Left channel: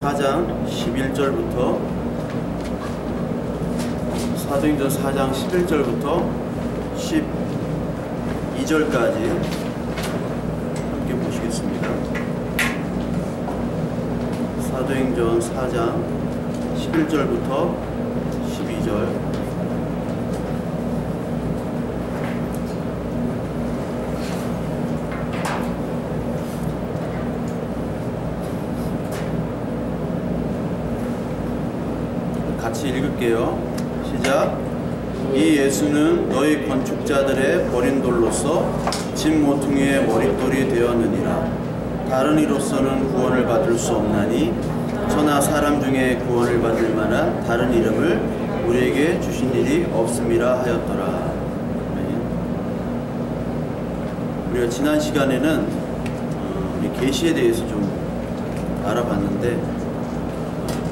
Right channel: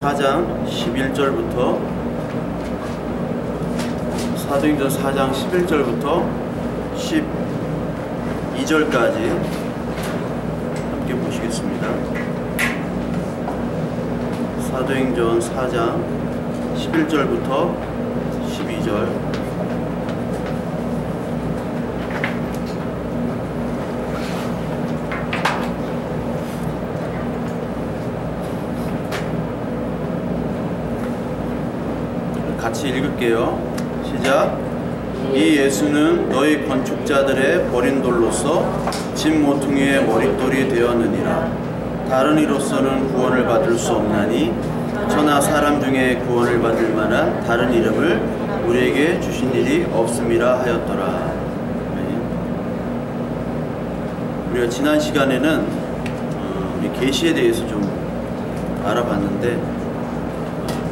4장 11절부터 사도행전 4장 11절부터 12절까지 함께 보시겠습니다. 사도행전 4장 11절부터 12절. 같이 읽을게요. 시작. 이 예수는 너희 건축자들의 버린 돌로서 집 모퉁이의 머릿돌이 되었느니라. 다른 이로서는 구원을 받을 수 없나니 저나 사람 중에 구원을 받을 만한 다른 이름을 우리에게 주신 일이 없음이라 하였더라. 우리가 지난 시간에는 우리 계시에 대해서 좀 알아봤는데,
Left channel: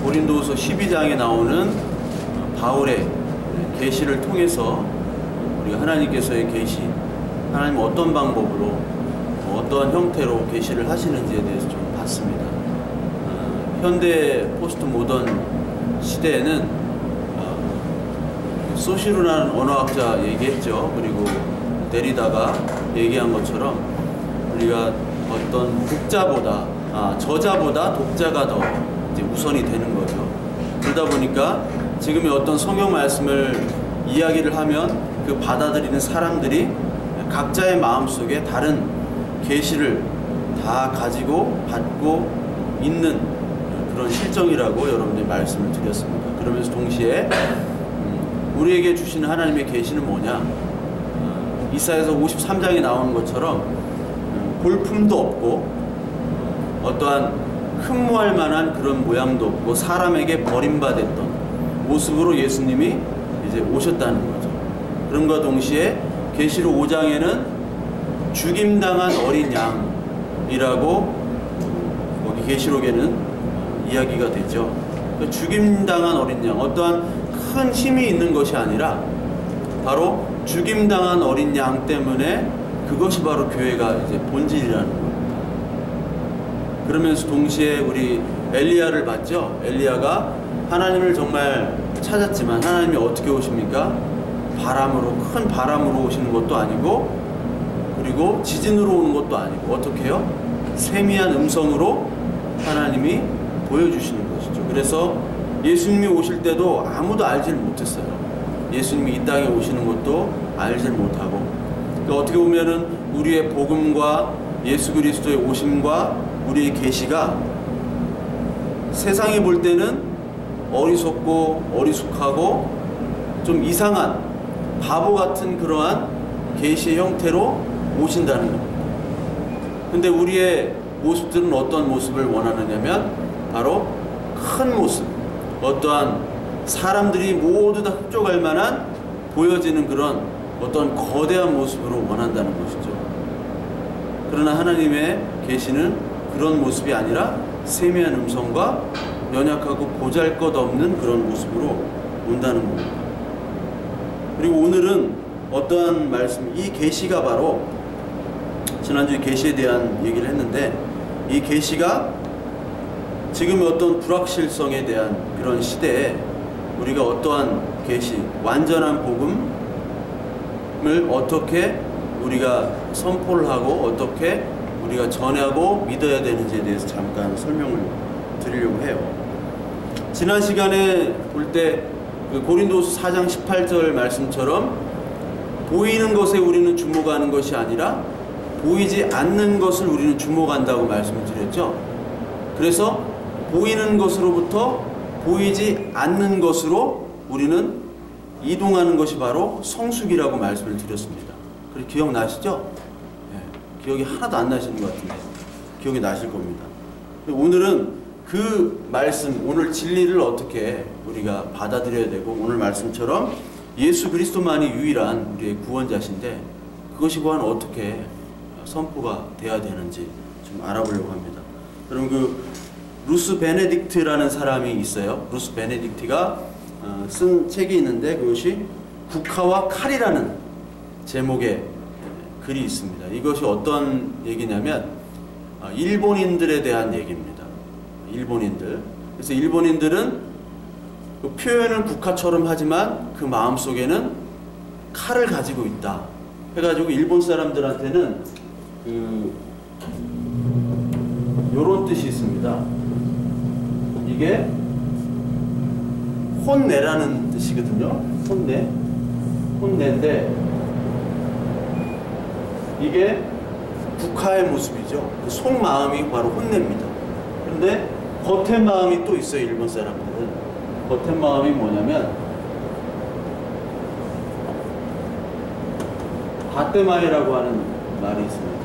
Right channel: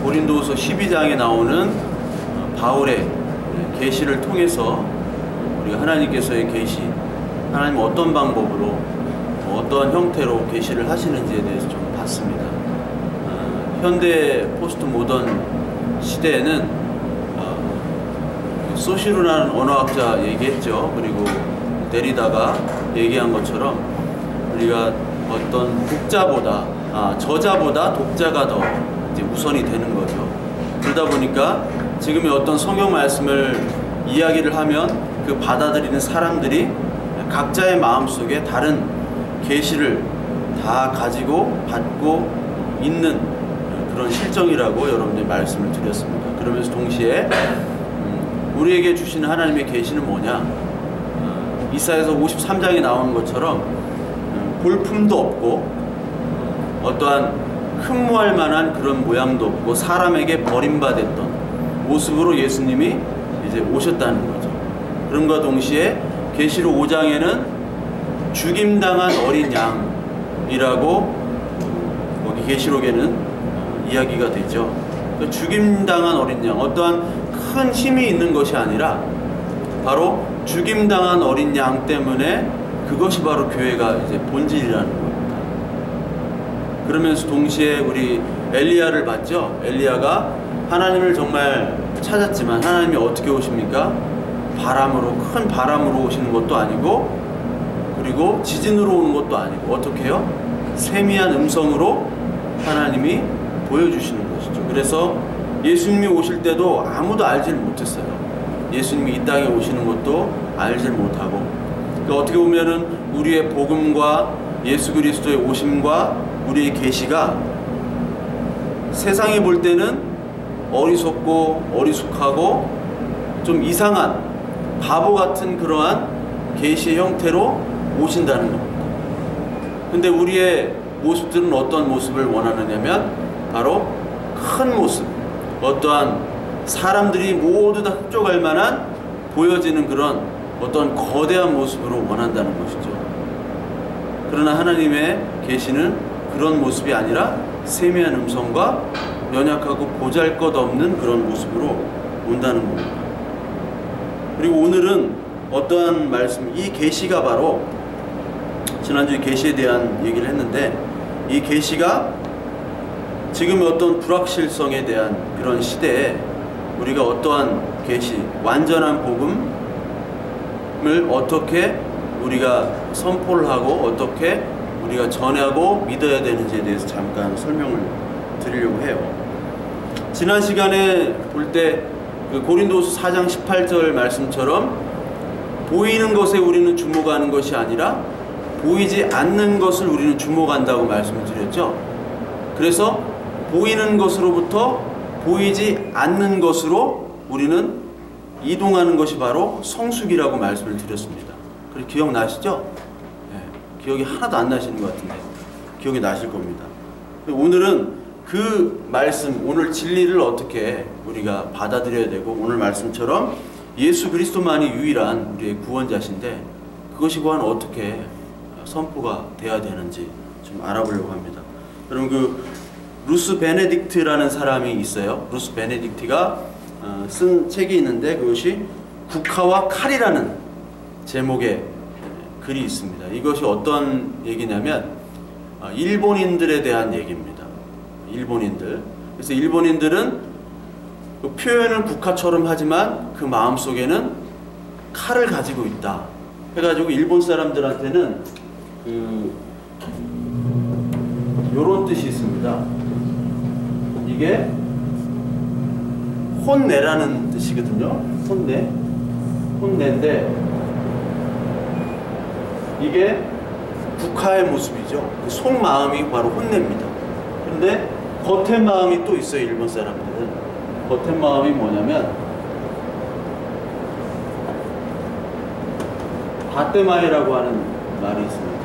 고린도후서 12장에 나오는 바울의 계시를 통해서 우리가 하나님께서의 계시, 하나님은 어떤 방법으로 어떤 형태로 계시를 하시는지에 대해서 좀 봤습니다. 현대 포스트 모던 시대에는 소시루라는 언어학자 얘기했죠. 그리고 데리다가 얘기한 것처럼 우리가 어떤 독자보다 저자보다 독자가 더 이제 우선이 되는 거죠. 그러다 보니까 지금의 어떤 성경 말씀을 이야기를 하면 그 받아들이는 사람들이 각자의 마음속에 다른 계시를 다 가지고 받고 있는 그런 실정이라고 여러분들이 말씀을 드렸습니다. 그러면서 동시에 우리에게 주시는 하나님의 계시는 뭐냐? 이사야서 53장에 나오는 것처럼 볼품도 없고 어떠한 흠모할 만한 그런 모양도 없고 사람에게 버림받았던 모습으로 예수님이 이제 오셨다는 거죠. 그럼과 동시에 계시록 5장에는 죽임당한 어린 양이라고 거기 계시록에는 이야기가 되죠. 그러니까 죽임당한 어린 양, 어떠한 큰 힘이 있는 것이 아니라 바로 죽임당한 어린 양 때문에 그것이 바로 교회가 이제 본질이라는 거예요. 그러면서 동시에 우리 엘리야를 봤죠. 엘리야가 하나님을 정말 찾았지만 하나님이 어떻게 오십니까? 바람으로, 큰 바람으로 오시는 것도 아니고, 그리고 지진으로 오는 것도 아니고, 어떻게 해요? 세미한 음성으로 하나님이 보여주시는 것이죠. 그래서 예수님이 오실 때도 아무도 알지를 못했어요. 예수님이 이 땅에 오시는 것도 알지를 못하고, 그러니까 어떻게 보면은 우리의 복음과 예수 그리스도의 오심과 우리의 계시가 세상이 볼 때는 어리석고 어리숙하고 좀 이상한 바보 같은 그러한 계시의 형태로 오신다는 겁니다. 근데 우리의 모습들은 어떤 모습을 원하느냐면 바로 큰 모습, 어떠한 사람들이 모두 다 흡족할 만한 보여지는 그런 어떤 거대한 모습으로 원한다는 것이죠. 그러나 하나님의 계시는 그런 모습이 아니라 세미한 음성과 연약하고 보잘것없는 그런 모습으로 온다는 겁니다. 그리고 오늘은 어떠한 말씀, 이 계시가 바로 지난주에 계시에 대한 얘기를 했는데, 이 계시가 지금의 어떤 불확실성에 대한 그런 시대에 우리가 어떠한 계시, 완전한 복음을 어떻게 우리가 선포를 하고 어떻게 우리가 전하고 믿어야 되는지에 대해서 잠깐 설명을 드리려고 해요. 지난 시간에 볼 때 그 고린도후서 4장 18절 말씀처럼 보이는 것에 우리는 주목하는 것이 아니라 보이지 않는 것을 우리는 주목한다고 말씀을 드렸죠. 그래서 보이는 것으로부터 보이지 않는 것으로 우리는 이동하는 것이 바로 성숙이라고 말씀을 드렸습니다. 그래, 기억나시죠? 기억이 하나도 안 나시는 것 같은데 기억이 나실 겁니다. 오늘은 그 말씀, 오늘 진리를 어떻게 우리가 받아들여야 되고, 오늘 말씀처럼 예수 그리스도만이 유일한 우리의 구원자신데 그것이 과연 어떻게 선포가 돼야 되는지 좀 알아보려고 합니다. 여러분, 그 루스 베네딕트라는 사람이 있어요. 루스 베네딕트가 쓴 책이 있는데 그것이 국화와 칼이라는 제목의 글이 있습니다. 이것이 어떤 얘기냐면 일본인들에 대한 얘기입니다. 일본인들. 그래서 일본인들은 그 표현을 국화처럼 하지만 그 마음속에는 칼을 가지고 있다 해가지고 일본 사람들한테는 요런 뜻이 있습니다. 이게 혼내라는 뜻이거든요. 혼내인데 이게 국화의 모습이죠. 그 속마음이 바로 혼내입니다. 그런데 겉의 마음이 또 있어요. 일본 사람들은 겉의 마음이 뭐냐면 다떼마에라고 하는 말이 있습니다.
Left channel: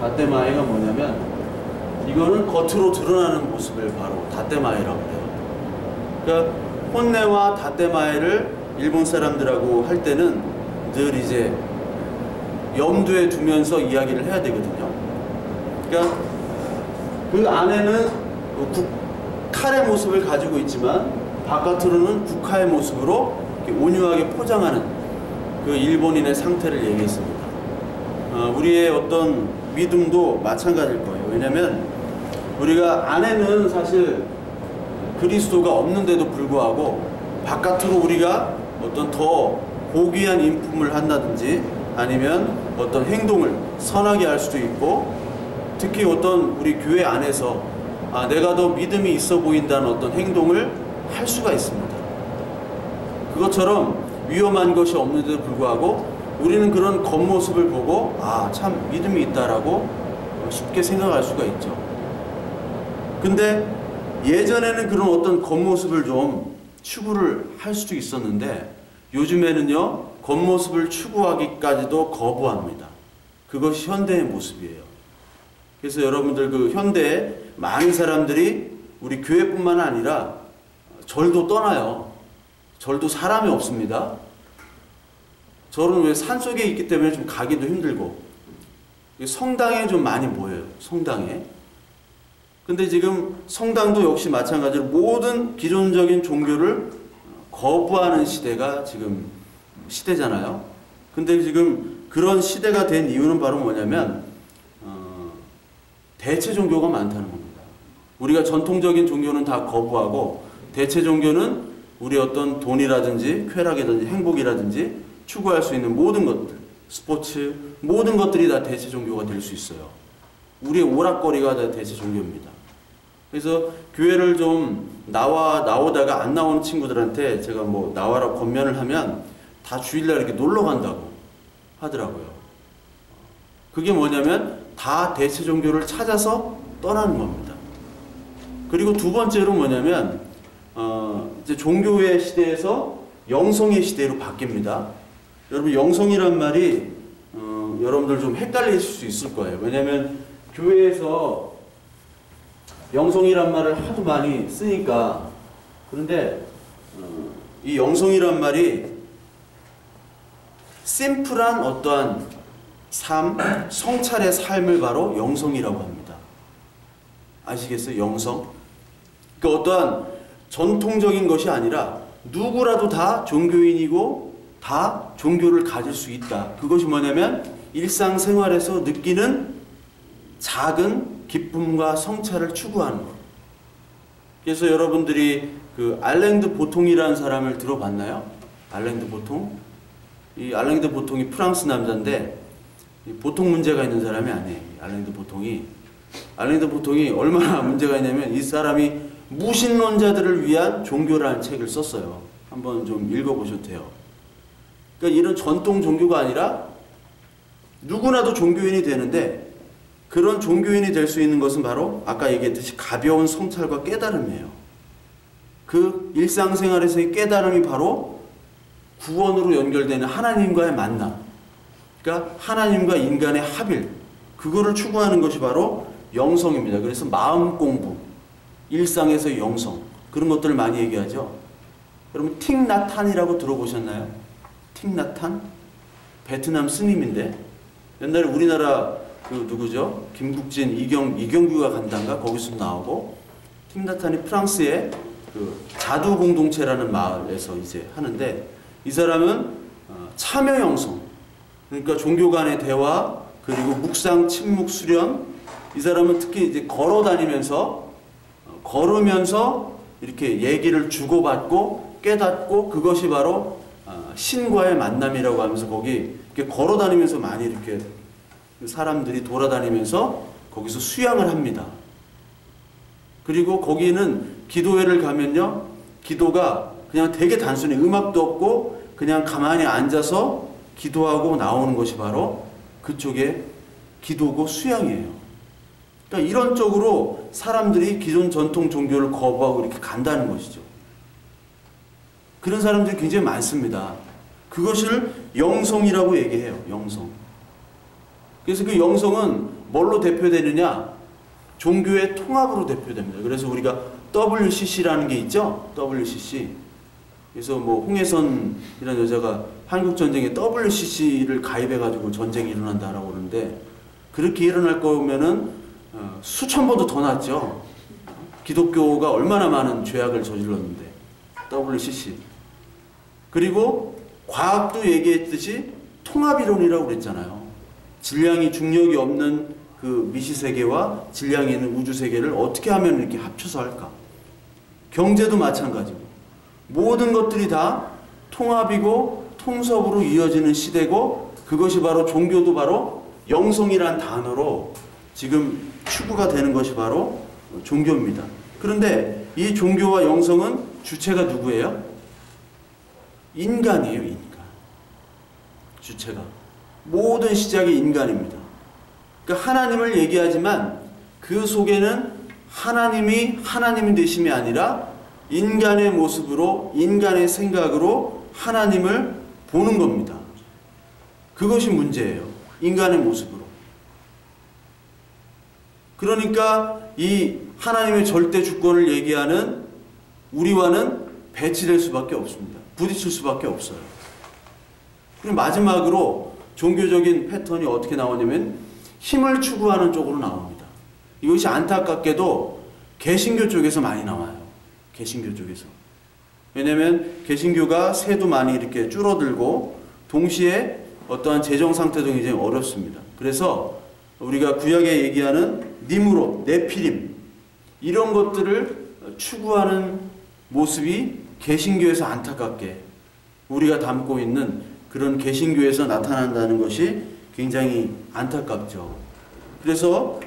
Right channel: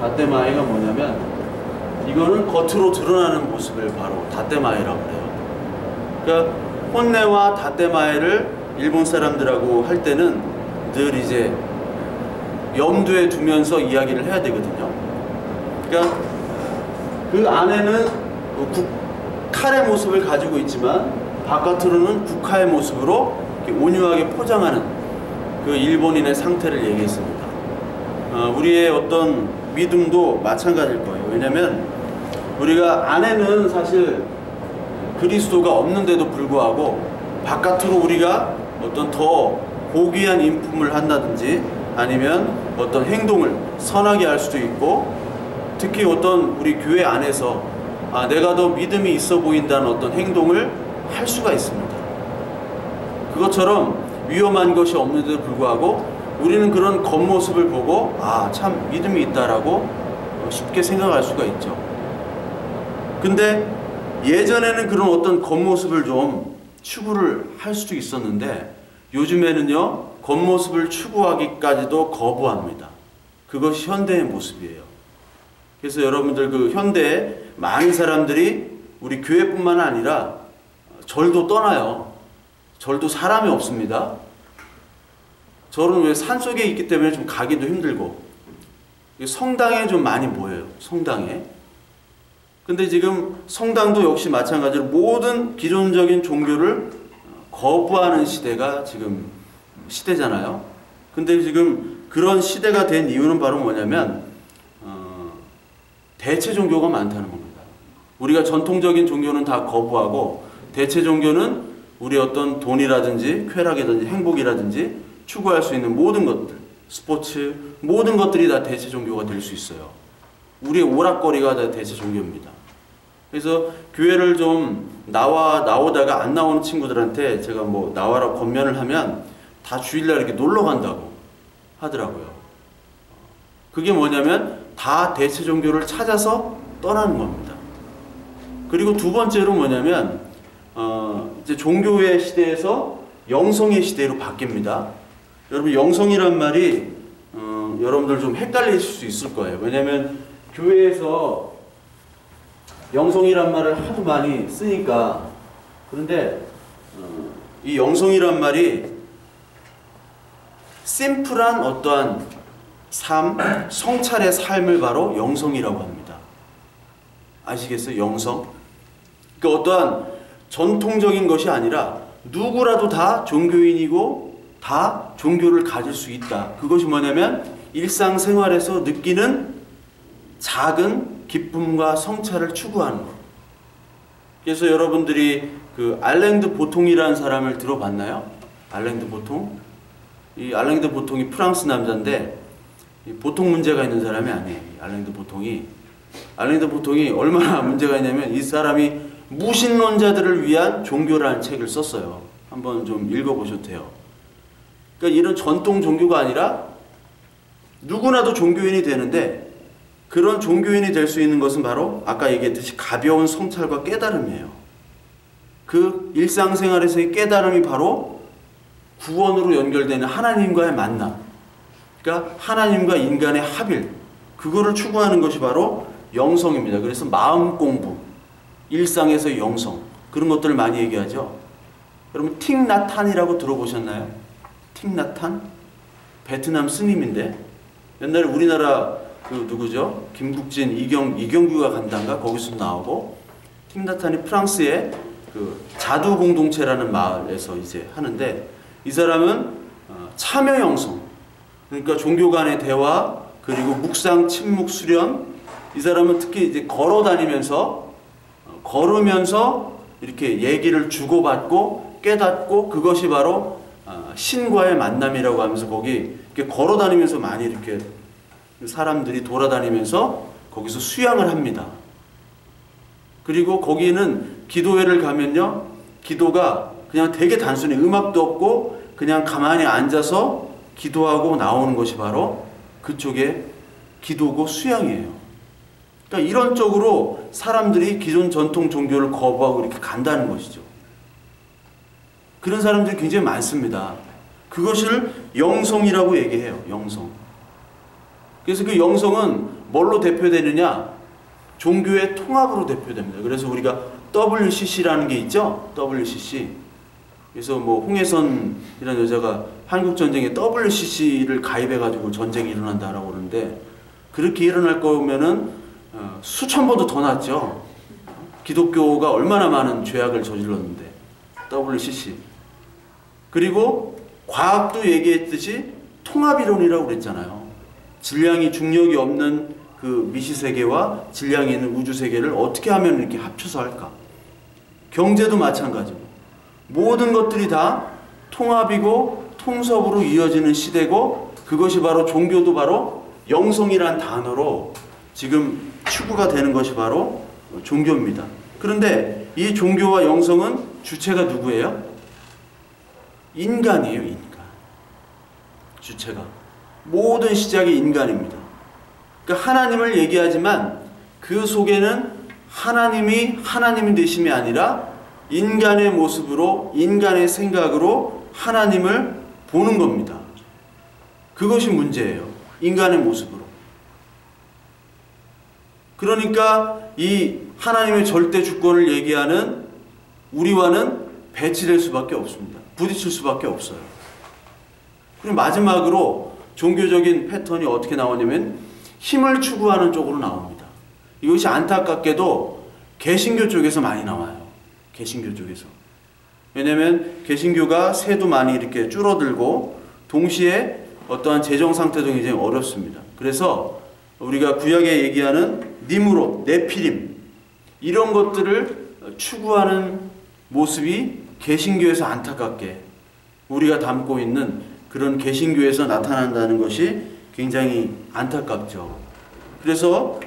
다떼마에가 뭐냐면 이거는 겉으로 드러나는 모습을 바로 다떼마에라고 해요. 그러니까 혼내와 다떼마에를 일본 사람들하고 할 때는 늘 이제 염두에 두면서 이야기를 해야 되거든요. 그러니까 그 안에는 칼의 모습을 가지고 있지만 바깥으로는 국화의 모습으로 이렇게 온유하게 포장하는 그 일본인의 상태를 얘기했습니다. 우리의 어떤 믿음도 마찬가지일 거예요. 왜냐하면 우리가 안에는 사실 그리스도가 없는데도 불구하고 바깥으로 우리가 어떤 더 고귀한 인품을 한다든지 아니면 어떤 행동을 선하게 할 수도 있고 특히 어떤 우리 교회 안에서 내가 더 믿음이 있어 보인다는 어떤 행동을 할 수가 있습니다. 그것처럼 위험한 것이 없는데도 불구하고 우리는 그런 겉모습을 보고 참 믿음이 있다라고 쉽게 생각할 수가 있죠. 근데 예전에는 그런 어떤 겉모습을 좀 추구를 할 수도 있었는데 요즘에는요 겉모습을 추구하기까지도 거부합니다. 그것이 현대의 모습이에요. 그래서 여러분들 그 현대에 많은 사람들이 우리 교회뿐만 아니라 절도 떠나요. 절도 사람이 없습니다. 절은 왜 산속에 있기 때문에 좀 가기도 힘들고 성당에 좀 많이 모여요. 성당에. 근데 지금 성당도 역시 마찬가지로 모든 기존적인 종교를 거부하는 시대가 지금 시대잖아요. 근데 지금 그런 시대가 된 이유는 바로 뭐냐면 대체 종교가 많다는 겁니다. 우리가 전통적인 종교는 다 거부하고 대체 종교는 우리 어떤 돈이라든지 쾌락이라든지 행복이라든지 추구할 수 있는 모든 것들, 스포츠, 모든 것들이 다 대체 종교가 될 수 있어요. 우리의 오락거리가 다 대체 종교입니다. 그래서 교회를 좀 나오다가 안 나오는 친구들한테 제가 뭐 나와라 권면을 하면 다 주일날 이렇게 놀러 간다고 하더라고요. 그게 뭐냐면 다 대체 종교를 찾아서 떠나는 겁니다. 그리고 두 번째로 뭐냐면 이제 종교의 시대에서 영성의 시대로 바뀝니다. 여러분 영성이란 말이 여러분들 좀 헷갈리실 수 있을 거예요. 왜냐하면 교회에서 영성이란 말을 하도 많이 쓰니까. 그런데 이 영성이란 말이 심플한 어떠한 삶, 성찰의 삶을 바로 영성이라고 합니다. 아시겠어요? 영성? 그러니까 어떠한 전통적인 것이 아니라 누구라도 다 종교인이고 다 종교를 가질 수 있다. 그것이 뭐냐면 일상생활에서 느끼는 작은 기쁨과 성찰을 추구하는 것. 그래서 여러분들이 그 알랭드 보통이라는 사람을 들어봤나요? 알랭드 보통? 이 알랭드 보통이 프랑스 남자인데 보통 문제가 있는 사람이 아니에요. 알랭드 보통이 얼마나 문제가 있냐면 이 사람이 무신론자들을 위한 종교라는 책을 썼어요. 한번 좀 읽어보셔도 돼요. 그러니까 이런 전통 종교가 아니라 누구나도 종교인이 되는데 그런 종교인이 될 수 있는 것은 바로 아까 얘기했듯이 가벼운 성찰과 깨달음이에요. 그 일상생활에서의 깨달음이 바로 구원으로 연결되는 하나님과의 만남. 그러니까 하나님과 인간의 합일. 그거를 추구하는 것이 바로 영성입니다. 그래서 마음 공부, 일상에서의 영성, 그런 것들을 많이 얘기하죠. 여러분 틱나탄이라고 들어보셨나요? 틱나탄? 베트남 스님인데 옛날에 우리나라 그 누구죠? 김국진, 이경규가 간단가 거기서 나오고 틱나탄이 프랑스의 그 자두 공동체라는 마을에서 이제 하는데 이 사람은 참여 영성, 그러니까 종교 간의 대화 그리고 묵상, 침묵, 수련. 이 사람은 특히 이제 걸어 다니면서 걸으면서 이렇게 얘기를 주고받고 깨닫고, 그것이 바로 신과의 만남이라고 하면서 거기 이렇게 걸어 다니면서 많이 이렇게 사람들이 돌아다니면서 거기서 수양을 합니다. 그리고 거기는 기도회를 가면요, 기도가 그냥 되게 단순히 음악도 없고 그냥 가만히 앉아서 기도하고 나오는 것이 바로 그쪽에 기도고 수양이에요. 그러니까 이런 쪽으로 사람들이 기존 전통 종교를 거부하고 이렇게 간다는 것이죠. 그런 사람들이 굉장히 많습니다. 그것을 영성이라고 얘기해요. 영성. 그래서 그 영성은 뭘로 대표되느냐? 종교의 통합으로 대표됩니다. 그래서 우리가 WCC라는 게 있죠? WCC. 그래서 뭐 홍해선이라는 여자가 한국전쟁에 WCC를 가입해가지고 전쟁이 일어난다라고 그러는데, 그렇게 일어날 거면은 수천 번도 더 낫죠. 기독교가 얼마나 많은 죄악을 저질렀는데. WCC. 그리고 과학도 얘기했듯이 통합이론이라고 그랬잖아요. 질량이, 중력이 없는 그 미시세계와 질량이 있는 우주세계를 어떻게 하면 이렇게 합쳐서 할까? 경제도 마찬가지고. 모든 것들이 다 통합이고 통섭으로 이어지는 시대고, 그것이 바로 종교도 바로 영성이란 단어로 지금 추구가 되는 것이 바로 종교입니다. 그런데 이 종교와 영성은 주체가 누구예요? 인간이에요. 인간. 주체가. 모든 시작이 인간입니다. 그러니까 하나님을 얘기하지만 그 속에는 하나님이 하나님 되심이 아니라 인간의 모습으로, 인간의 생각으로 하나님을 보는 겁니다. 그것이 문제예요. 인간의 모습으로. 그러니까 이 하나님의 절대 주권을 얘기하는 우리와는 배치될 수밖에 없습니다. 부딪힐 수밖에 없어요. 그리고 마지막으로 종교적인 패턴이 어떻게 나오냐면 힘을 추구하는 쪽으로 나옵니다. 이것이 안타깝게도 개신교 쪽에서 많이 나와요. 개신교 쪽에서. 왜냐하면 개신교가 세도 많이 이렇게 줄어들고 동시에 어떠한 재정 상태도 굉장히 어렵습니다. 그래서 우리가 구약에 얘기하는 니므롯, 네피림 이런 것들을 추구하는 모습이 개신교에서 안타깝게 우리가 담고 있는 그런 개신교에서 나타난다는 것이 굉장히 안타깝죠. 그래서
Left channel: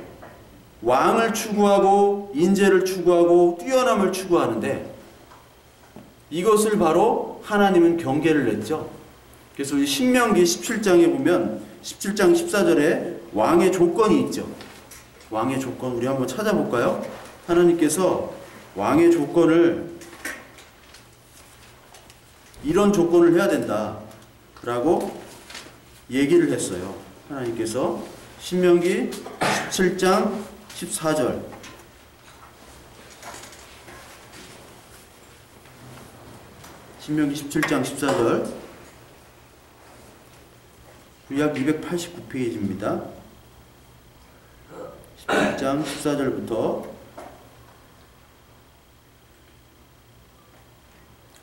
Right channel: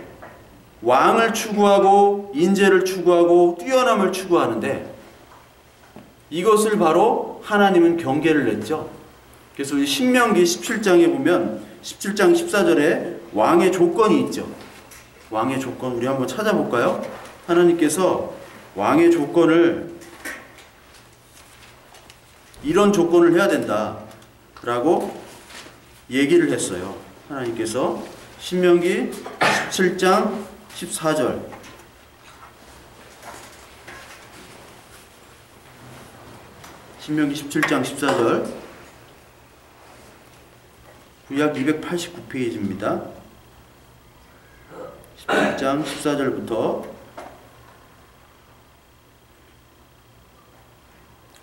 왕을 추구하고 인재를 추구하고 뛰어남을 추구하는데 이것을 바로 하나님은 경계를 냈죠. 그래서 우리 신명기 17장에 보면 17장 14절에 왕의 조건이 있죠. 왕의 조건 우리 한번 찾아볼까요? 하나님께서 왕의 조건을 이런 조건을 해야 된다 라고 얘기를 했어요. 하나님께서 신명기 17장 14절 신명기 17장 14절 구약 289페이지입니다. 17장 14절부터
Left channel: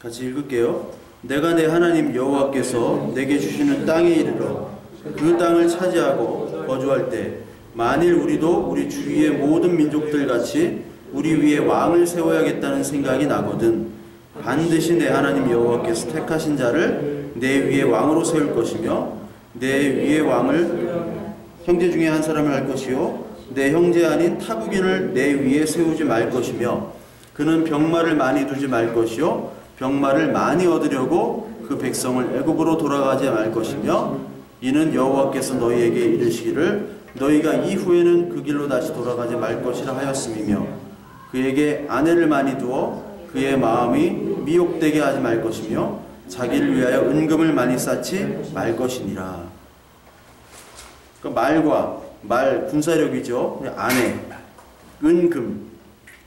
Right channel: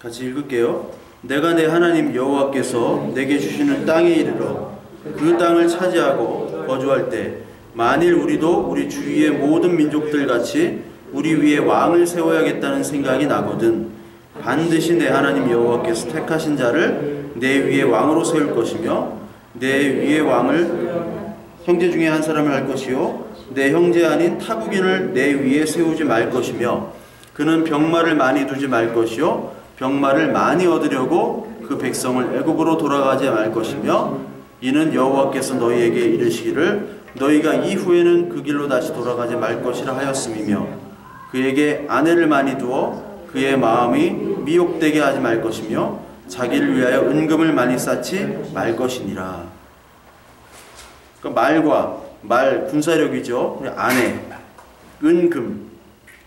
같이 읽을게요. 내가 내 하나님 여호와께서 내게 주시는 땅에 이르러 그 땅을 차지하고 거주할 때 만일 우리도 우리 주위의 모든 민족들 같이 우리 위에 왕을 세워야겠다는 생각이 나거든 반드시 내 하나님 여호와께서 택하신 자를 내 위에 왕으로 세울 것이며 내 위에 왕을 형제 중에 한 사람을 할 것이요 내 형제 아닌 타국인을 내 위에 세우지 말 것이며 그는 병마를 많이 두지 말 것이요 병마를 많이 얻으려고 그 백성을 애굽으로 돌아가지 말 것이며 이는 여호와께서 너희에게 이르시기를 너희가 이후에는 그 길로 다시 돌아가지 말 것이라 하였음이며 그에게 아내를 많이 두어 그의 마음이 미혹되게 하지 말 것이며 자기를 위하여 은금을 많이 쌓지 말 것이니라. 그러니까 말과 말 군사력이죠. 아내, 은금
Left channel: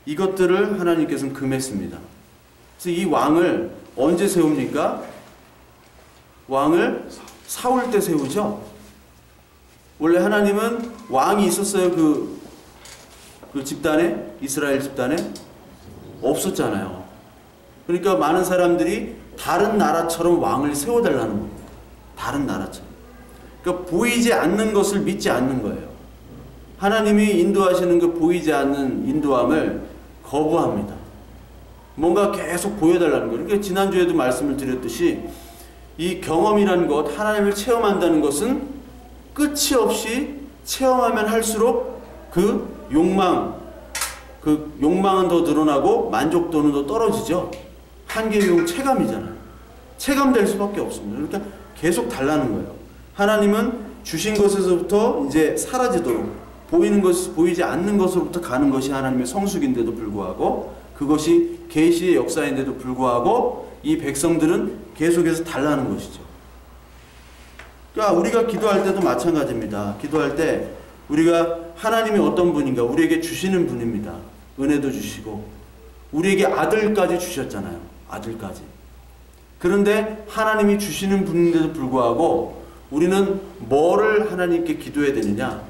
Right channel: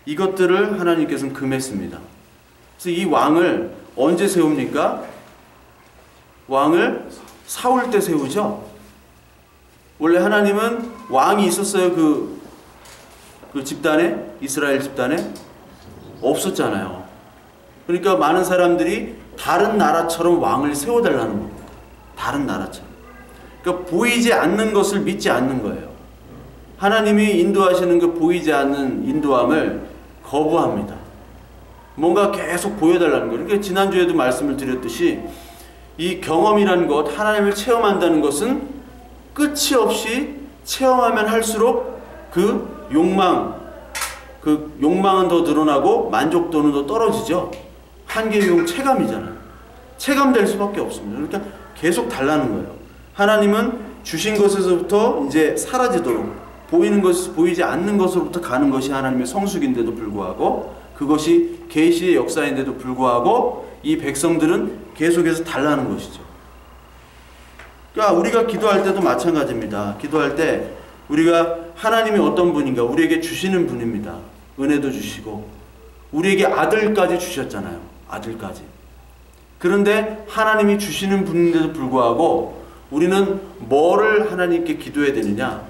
이것들을 하나님께서는 금했습니다. 그래서 이 왕을 언제 세웁니까? 왕을 사울 때 세우죠. 원래 하나님은 왕이 있었어요. 그 집단에 이스라엘 집단에 없었잖아요. 그러니까 많은 사람들이 다른 나라처럼 왕을 세워달라는 겁니다. 다른 나라처럼. 그러니까 보이지 않는 것을 믿지 않는 거예요. 하나님이 인도하시는 그 보이지 않는 인도함을 거부합니다. 뭔가 계속 보여달라는 거예요. 그러니까 지난주에도 말씀을 드렸듯이 이 경험이라는 것, 하나님을 체험한다는 것은 끝이 없이 체험하면 할수록 그 욕망은 더 늘어나고 만족도는 더 떨어지죠. 한계용 체감이잖아요. 체감될 수밖에 없습니다. 그러니까 계속 달라는 거예요. 하나님은 주신 것에서부터 이제 사라지도록 보이는 것, 보이지 않는 것으로부터 가는 것이 하나님의 성숙인데도 불구하고, 그것이 계시의 역사인데도 불구하고 이 백성들은 계속해서 달라는 것이죠. 그러니까 우리가 기도할 때도 마찬가지입니다. 기도할 때 우리가 하나님이 어떤 분인가 우리에게 주시는 분입니다. 은혜도 주시고 우리에게 아들까지 주셨잖아요. 아들까지. 그런데 하나님이 주시는 분인데도 불구하고 우리는 뭐를 하나님께 기도해야 되느냐?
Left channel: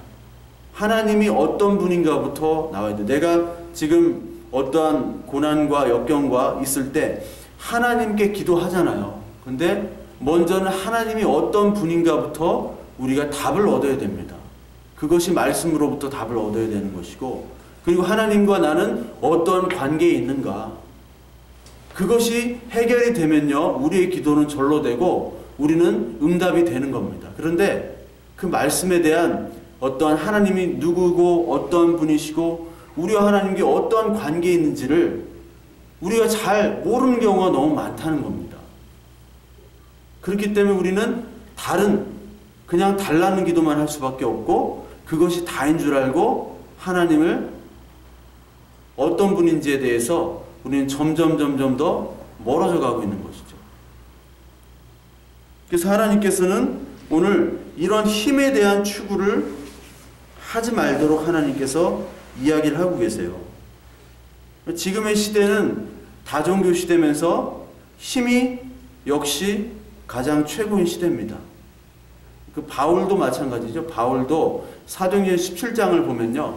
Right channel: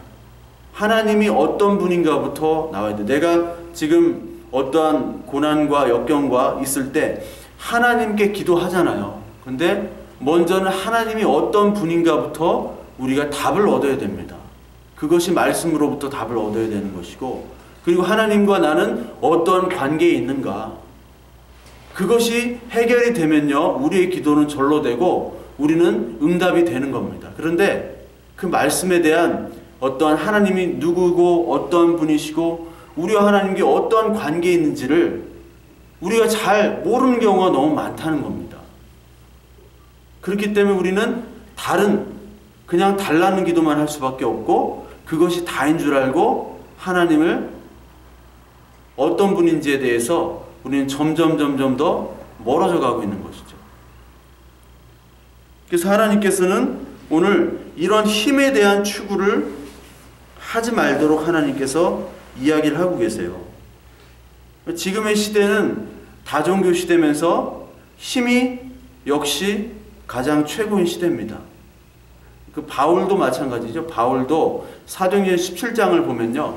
하나님이 어떤 분인가부터 나와야 돼. 내가 지금 어떠한 고난과 역경과 있을 때 하나님께 기도하잖아요. 근데 먼저는 하나님이 어떤 분인가부터 우리가 답을 얻어야 됩니다. 그것이 말씀으로부터 답을 얻어야 되는 것이고, 그리고 하나님과 나는 어떤 관계에 있는가, 그것이 해결이 되면요 우리의 기도는 절로 되고 우리는 응답이 되는 겁니다. 그런데 그 말씀에 대한 어떠한 하나님이 누구고 어떤 분이시고 우리와 하나님께 어떠한 관계에 있는지를 우리가 잘 모르는 경우가 너무 많다는 겁니다. 그렇기 때문에 우리는 그냥 달라는 기도만 할 수밖에 없고, 그것이 다인 줄 알고 하나님을 어떤 분인지에 대해서 우리는 점점 더 멀어져 가고 있는 것이죠. 그래서 하나님께서는 오늘 이런 힘에 대한 추구를 하지 말도록 하나님께서 이야기를 하고 계세요. 지금의 시대는 다종교 시대면서 힘이 역시 가장 최고인 시대입니다. 그 바울도 마찬가지죠. 바울도 사도행전 17장을 보면요,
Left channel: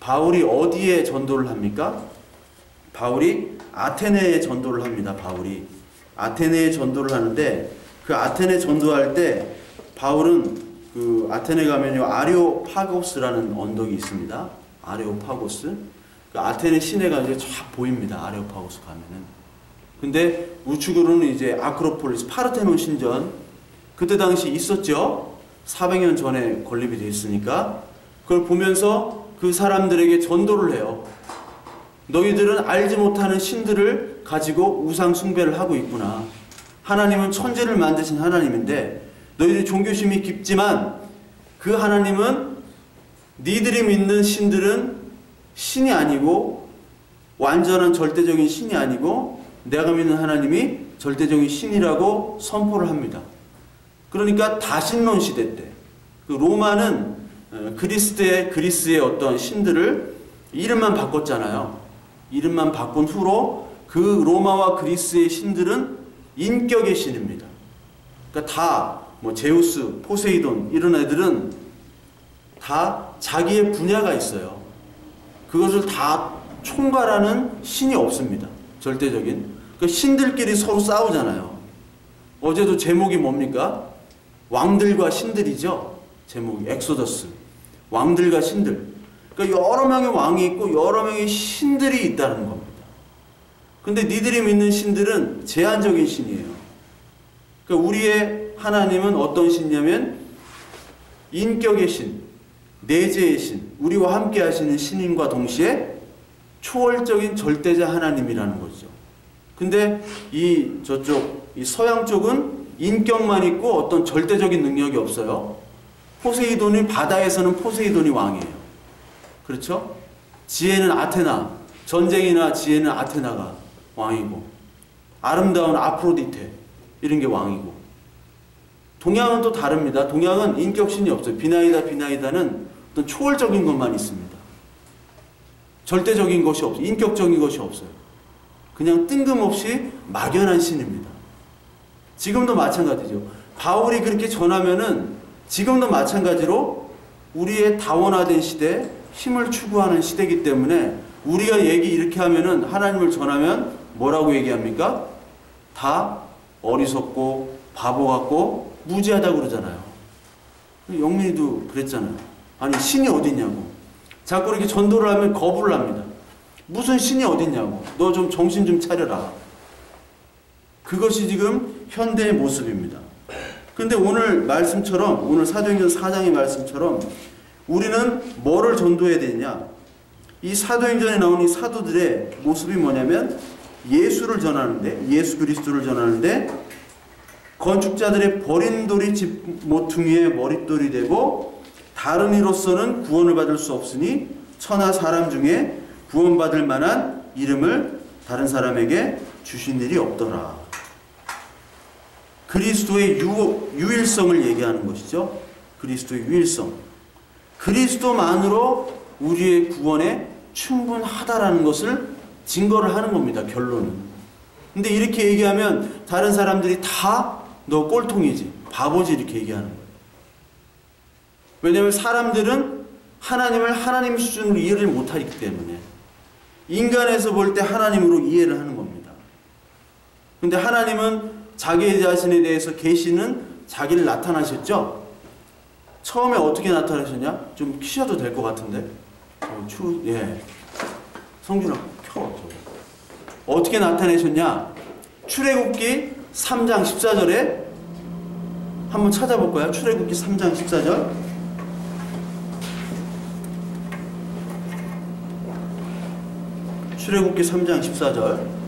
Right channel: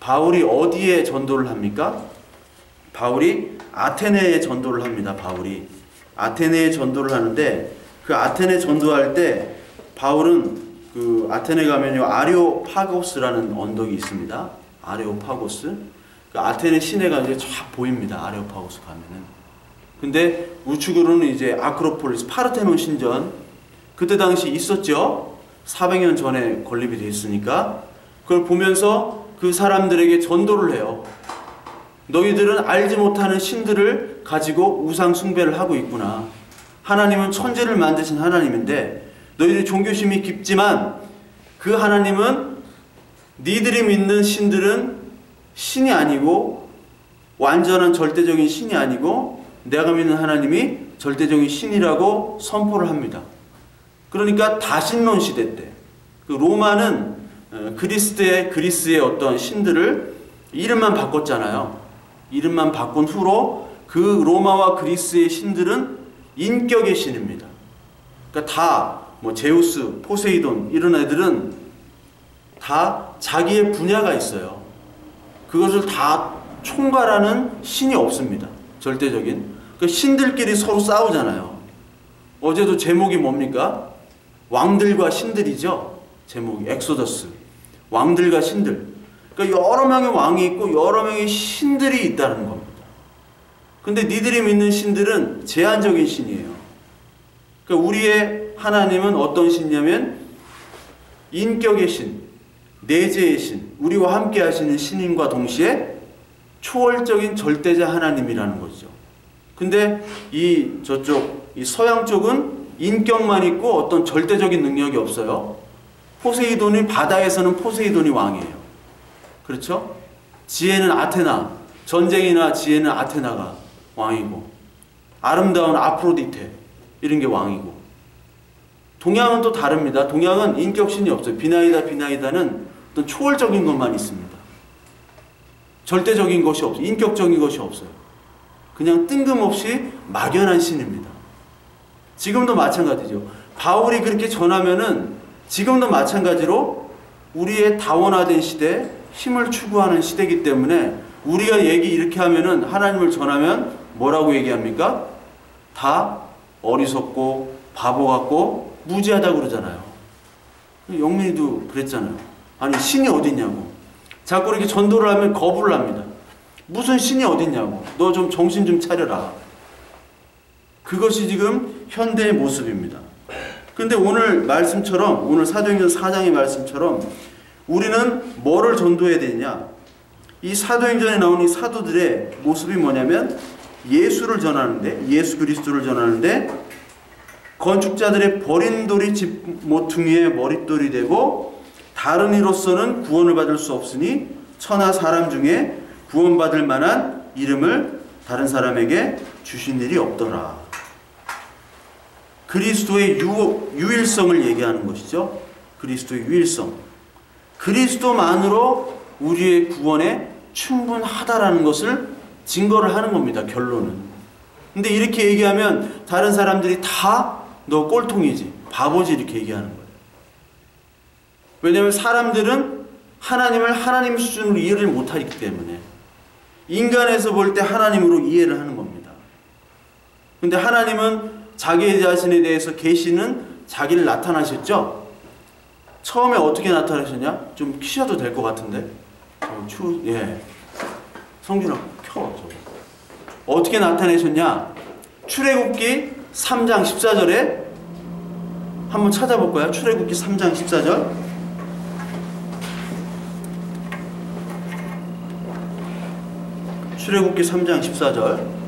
바울이 어디에 전도를 합니까? 바울이 아테네에 전도를 합니다. 바울이 아테네에 전도를 하는데, 그 아테네 전도할 때 바울은 그 아테네 가면요 아레오파고스라는 언덕이 있습니다. 아레오파고스. 그 아테네 시내가 이제 쫙 보입니다. 아레오파고스 가면은. 근데 우측으로는 이제 아크로폴리스, 파르테논 신전, 그때 당시 있었죠. 400년 전에 건립이 됐으니까. 그걸 보면서 그 사람들에게 전도를 해요. 너희들은 알지 못하는 신들을 가지고 우상 숭배를 하고 있구나. 하나님은 천지를 만드신 하나님인데 너희들이 종교심이 깊지만 그 하나님은 니들이 믿는 신들은 신이 아니고, 완전한 절대적인 신이 아니고 내가 믿는 하나님이 절대적인 신이라고 선포를 합니다. 그러니까 다신론 시대 때 그 로마는 그리스의 어떤 신들을 이름만 바꿨잖아요. 이름만 바꾼 후로 그 로마와 그리스의 신들은 인격의 신입니다. 그러니까 다 뭐 제우스, 포세이돈 이런 애들은 다 자기의 분야가 있어요. 그것을 다 총괄하는 신이 없습니다. 절대적인. 그러니까 신들끼리 서로 싸우잖아요. 어제도 제목이 뭡니까? 왕들과 신들이죠. 제목이 엑소더스. 왕들과 신들. 그러니까 여러 명의 왕이 있고 여러 명의 신들이 있다는 겁니다. 근데 니들이 믿는 신들은 제한적인 신이에요. 그러니까 우리의 하나님은 어떤 신이냐면 인격의 신, 내재의 신, 우리와 함께 하시는 신인과 동시에 초월적인 절대자 하나님이라는 거죠. 근데 이 서양 쪽은 인격만 있고 어떤 절대적인 능력이 없어요. 포세이돈이, 바다에서는 포세이돈이 왕이에요. 그렇죠? 지혜는 아테나, 전쟁이나 지혜는 아테나가 왕이고, 아름다운 아프로디테 이런 게 왕이고. 동양은 또 다릅니다. 동양은 인격신이 없어요. 비나이다는 어떤 초월적인 것만 있습니다. 절대적인 것이 없어요. 인격적인 것이 없어요. 그냥 뜬금없이 막연한 신입니다. 지금도 마찬가지죠. 바울이 그렇게 전하면은 지금도 마찬가지로 우리의 다원화된 시대, 힘을 추구하는 시대이기 때문에 우리가 이렇게 하면은, 하나님을 전하면 뭐라고 얘기합니까? 다 어리석고 바보 같고 무지하다고 그러잖아요. 영민이도 그랬잖아요. 아니 신이 어디 있냐고. 자꾸 이렇게 전도를 하면 거부를 합니다. 무슨 신이 어딨냐고. 너 좀 정신 좀 차려라. 그것이 지금 현대의 모습입니다. 근데 오늘 말씀처럼, 오늘 사도행전 4장의 말씀처럼 우리는 뭐를 전도해야 되냐? 이 사도행전에 나오는 이 사도들의 모습이 뭐냐면 예수를 전하는데, 예수 그리스도를 전하는데 건축자들의 버린 돌이 집 모퉁이의 머릿돌이 되고 다른 이로서는 구원을 받을 수 없으니 천하 사람 중에 구원받을 만한 이름을 다른 사람에게 주신 일이 없더라. 그리스도의 유일성을 얘기하는 것이죠. 그리스도의 유일성. 그리스도만으로 우리의 구원에 충분하다라는 것을 증거를 하는 겁니다. 결론은. 근데 이렇게 얘기하면 다른 사람들이 다 너 꼴통이지, 바보지 이렇게 얘기하는 거예요. 왜냐하면 사람들은 하나님을 하나님 수준으로 이해를 못하기 때문에 인간에서 볼 때 하나님으로 이해를 하는 겁니다. 근데 하나님은 자기 자신에 대해서 계시는 자기를 나타나셨죠? 처음에 어떻게 나타나셨냐? 좀 키셔도 될 것 같은데. 예. 성준아, 켜. 어떻게 나타내셨냐? 출애굽기 3장 14절에 한번 찾아볼 거야. 출애굽기 3장 14절. 출애굽기 3장 14절.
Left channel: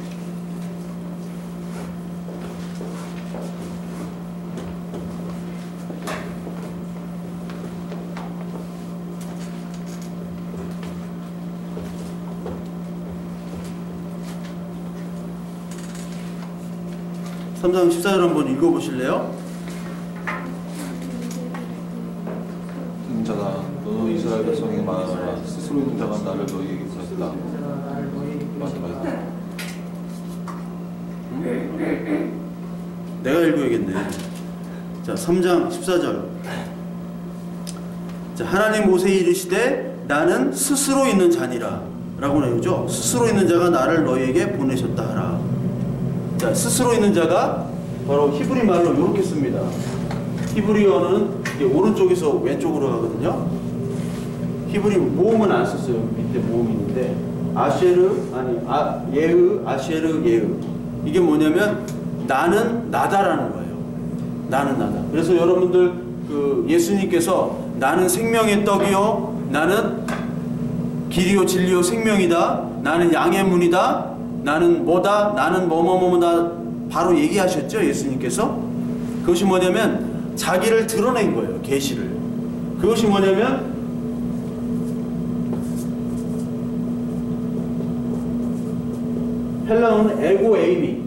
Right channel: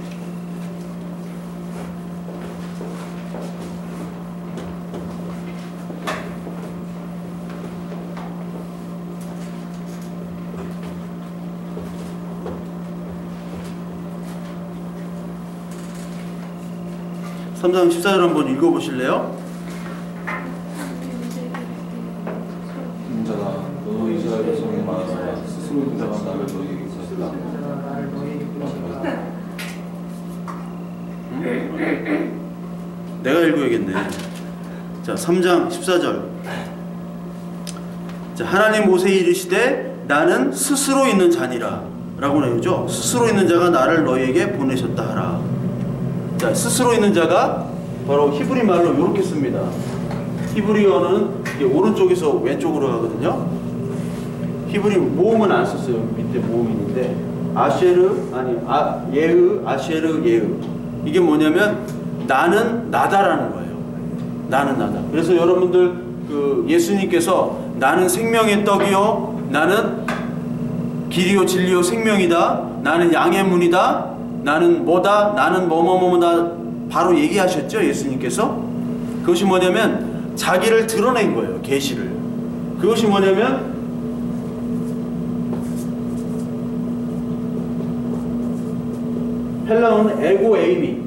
삼장 14절 한번 읽어보실래요? 인자가 너 이스라엘 백성에게 말하노라 스스로 있는 자가 나를 너희에게 보냈다. 내가 읽어야겠네. 자, 3장 14절. 자, 하나님 모세에 이르시되 나는 스스로 있는 자니라 라고 나오죠. 스스로 있는 자가 나를 너희에게 보내셨다 하라. 자, 스스로 있는 자가 바로 히브리 말로 이렇게 씁니다. 히브리어는 오른쪽에서 왼쪽으로 가거든요. 히브리 모음은 안 썼어요. 밑에 모음이 있는데 아쉐르, 예으, 아쉐르, 예으. 이게 뭐냐면 나는 나다라는 거예요. 나는 나다. 그래서 여러분들 그 예수님께서 나는 생명의 떡이요, 나는 길이요 진리요 생명이다, 나는 양의 문이다, 나는 뭐다, 나는 뭐뭐뭐다 바로 얘기하셨죠. 예수님께서. 그것이 뭐냐면 자기를 드러낸 거예요. 계시를. 그것이 뭐냐면 헬라어는 에고에이미.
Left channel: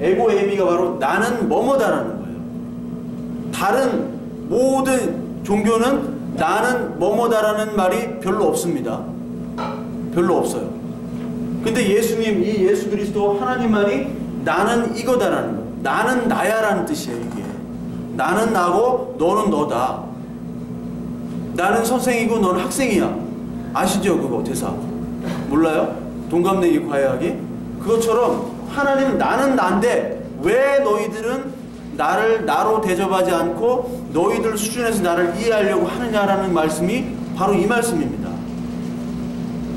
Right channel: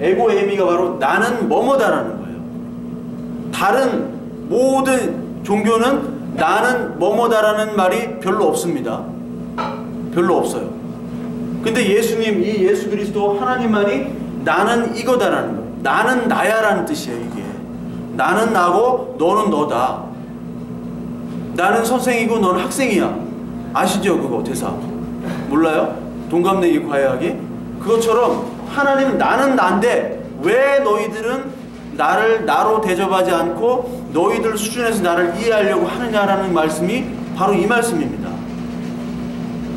에고에이미가 바로 나는 뭐뭐다라는 거예요. 다른 모든 종교는 나는 뭐뭐다라는 말이 별로 없습니다. 별로 없어요. 근데 예수님, 이 예수 그리스도 하나님만이 나는 이거다라는 거예요. 나는 나야라는 뜻이에요. 이게 나는 나고 너는 너다. 나는 선생이고 너는 학생이야. 아시죠? 그거 대사 몰라요? 동갑내기 과외하기? 그것처럼 하나님은 나는 난데 왜 너희들은 나를 나로 대접하지 않고 너희들 수준에서 나를 이해하려고 하느냐라는 말씀이 바로 이 말씀입니다.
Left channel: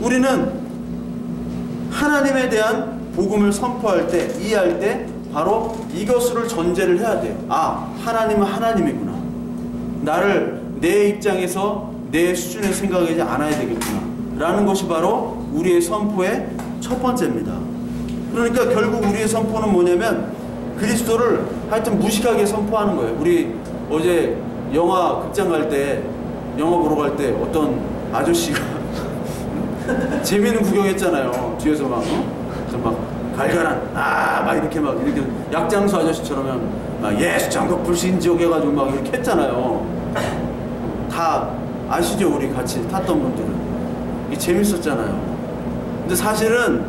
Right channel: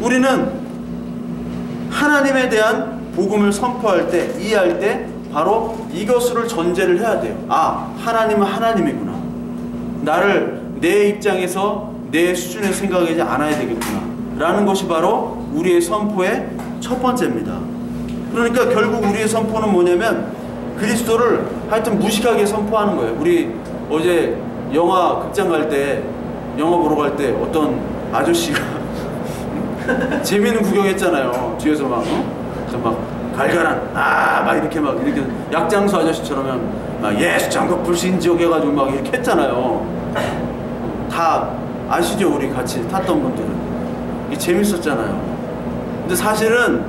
우리는 하나님에 대한 복음을 선포할 때, 이해할 때 바로 이것을 전제를 해야 돼요. 아, 하나님은 하나님이구나. 나를 내 입장에서 내 수준에서 생각하지 않아야 되겠구나 라는 것이 바로 우리의 선포의 첫 번째입니다. 그러니까 결국 우리의 선포는 뭐냐면 그리스도를 하여튼 무식하게 선포하는 거예요. 우리 어제 영화 극장 갈 때, 영화 보러 갈 때 어떤 아저씨가 재미있는 구경했잖아요. 뒤에서 막 갈갈한 막 이렇게 약장수 아저씨처럼 막 예수 장국 불신지옥 해가지고 막 이렇게 했잖아요. 다 아시죠? 우리 같이 탔던 분들은 이게 재밌었잖아요. 근데 사실은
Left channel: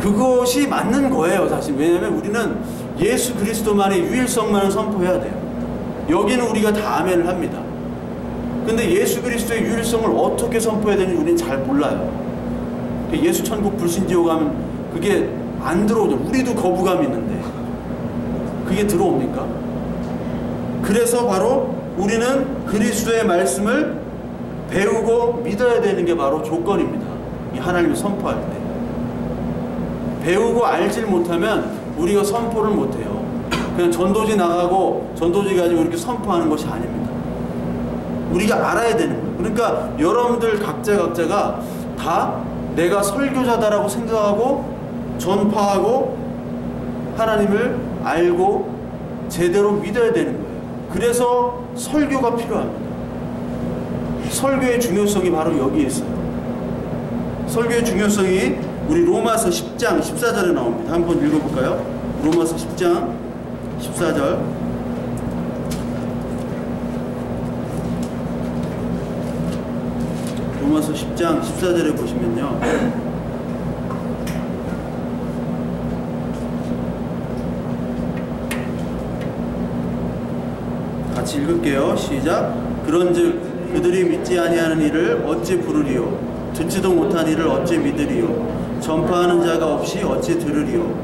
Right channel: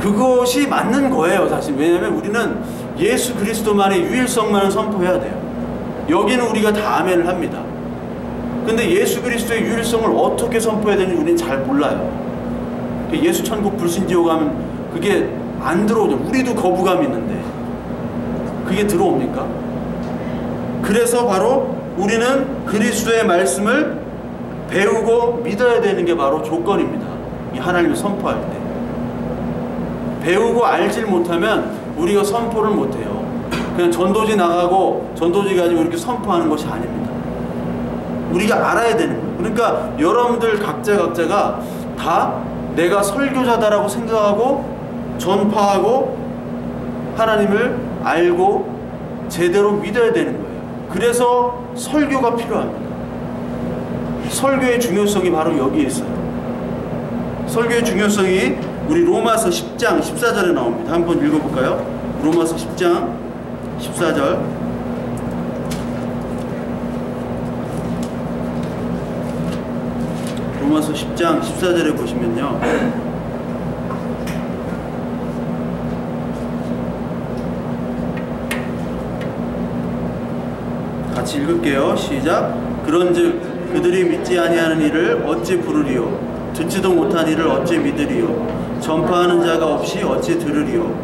그것이 맞는 거예요. 사실 왜냐하면 우리는 예수 그리스도만의 유일성만을 선포해야 돼요. 여기는 우리가 다 아멘을 합니다. 근데 예수 그리스도의 유일성을 어떻게 선포해야 되는지 우리는 잘 몰라요. 예수 천국 불신지옥 하면 그게 안 들어오죠. 우리도 거부감이 있는데 그게 들어옵니까? 그래서 바로 우리는 그리스도의 말씀을 배우고 믿어야 되는 게 바로 조건입니다. 이 하나님을 선포할 때. 배우고 알질 못하면 우리가 선포를 못해요. 그냥 전도지 나가고 전도지 가지고 이렇게 선포하는 것이 아닙니다. 우리가 알아야 되는 거예요. 그러니까 여러분들 각자가 다 내가 설교자다라고 생각하고 전파하고 하나님을 알고 제대로 믿어야 되는 거예요. 그래서 설교가 필요합니다. 설교의 중요성이 바로 여기에 있어요. 설교의 중요성이 우리 로마서 10장 14절에 나옵니다. 한번 읽어볼까요? 로마서 10장 14절. 로마서 10장 14절에 보시면요, 같이 읽을게요. 시작. 그런즉 그들이 믿지 아니하는 이를 어찌 부르리요? 듣지도 못한 이를 어찌 믿으리요? 전파하는 자가 없이 어찌 들으리요?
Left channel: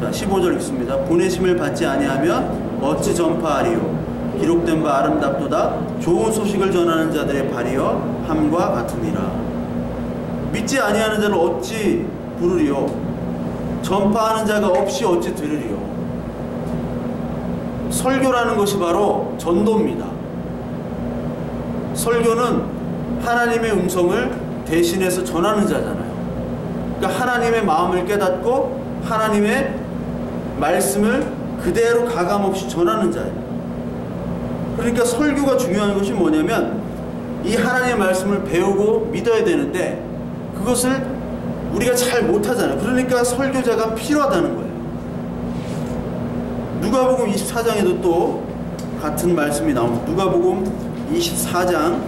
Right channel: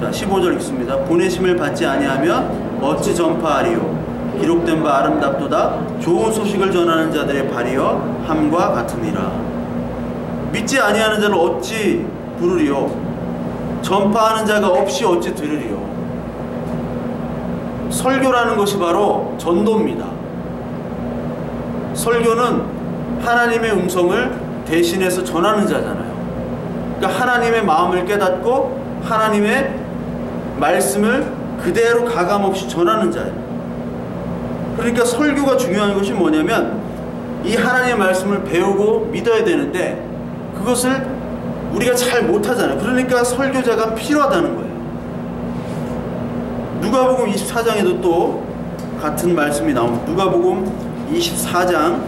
자, 15절 읽습니다. 보내심을 받지 아니하면 어찌 전파하리요? 기록된 바 아름답도다 좋은 소식을 전하는 자들의 발이여 함과 같으니라. 믿지 아니하는 자를 어찌 부르리요? 전파하는 자가 없이 어찌 들으리요? 설교라는 것이 바로 전도입니다. 설교는 하나님의 음성을 대신해서 전하는 자잖아요. 그러니까 하나님의 마음을 깨닫고 하나님의 말씀을 그대로 가감없이 전하는 자예요. 그러니까 설교가 중요한 것이 뭐냐면 이 하나님의 말씀을 배우고 믿어야 되는데 그것을 우리가 잘 못하잖아요. 그러니까 설교자가 필요하다는 거예요. 누가복음 24장에도 또 같은 말씀이 나옵니다. 누가복음 24장,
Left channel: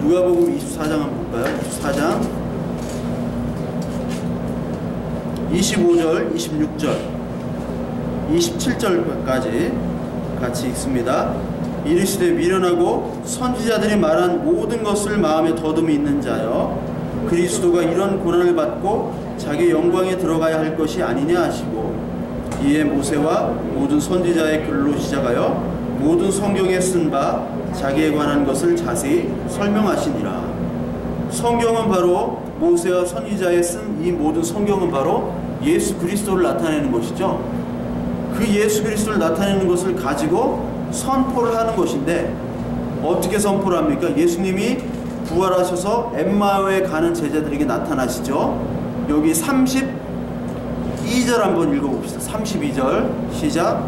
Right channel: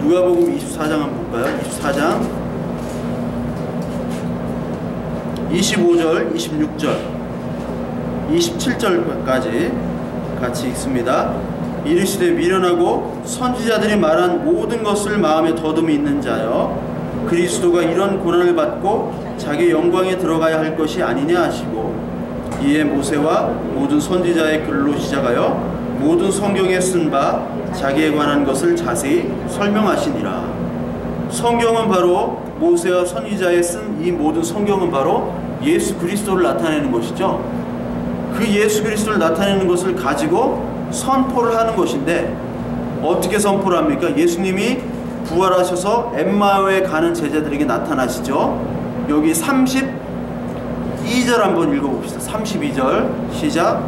누가복음 24장 한번 볼까요? 24장 25절, 26절, 27절까지 같이 읽습니다. 이르시되 미련하고 선지자들이 말한 모든 것을 마음에 더듬이 있는 자여, 그리스도가 이런 고난을 받고 자기 영광에 들어가야 할 것이 아니냐 하시고, 이에 모세와 모든 선지자의 글로 시작하여 모든 성경에 쓴 바 자기에 관한 것을 자세히 설명하시니라. 성경은 바로 모세와 선지자에 쓴 이 모든 성경은 바로 예수 그리스도를 나타내는 것이죠. 그 예수 그리스도를 나타내는 것을 가지고 선포를 하는 것인데, 어떻게 선포를 합니까? 예수님이 부활하셔서 엠마오에 가는 제자들에게 나타나시죠. 여기 32절 한번 읽어봅시다. 32절 시작.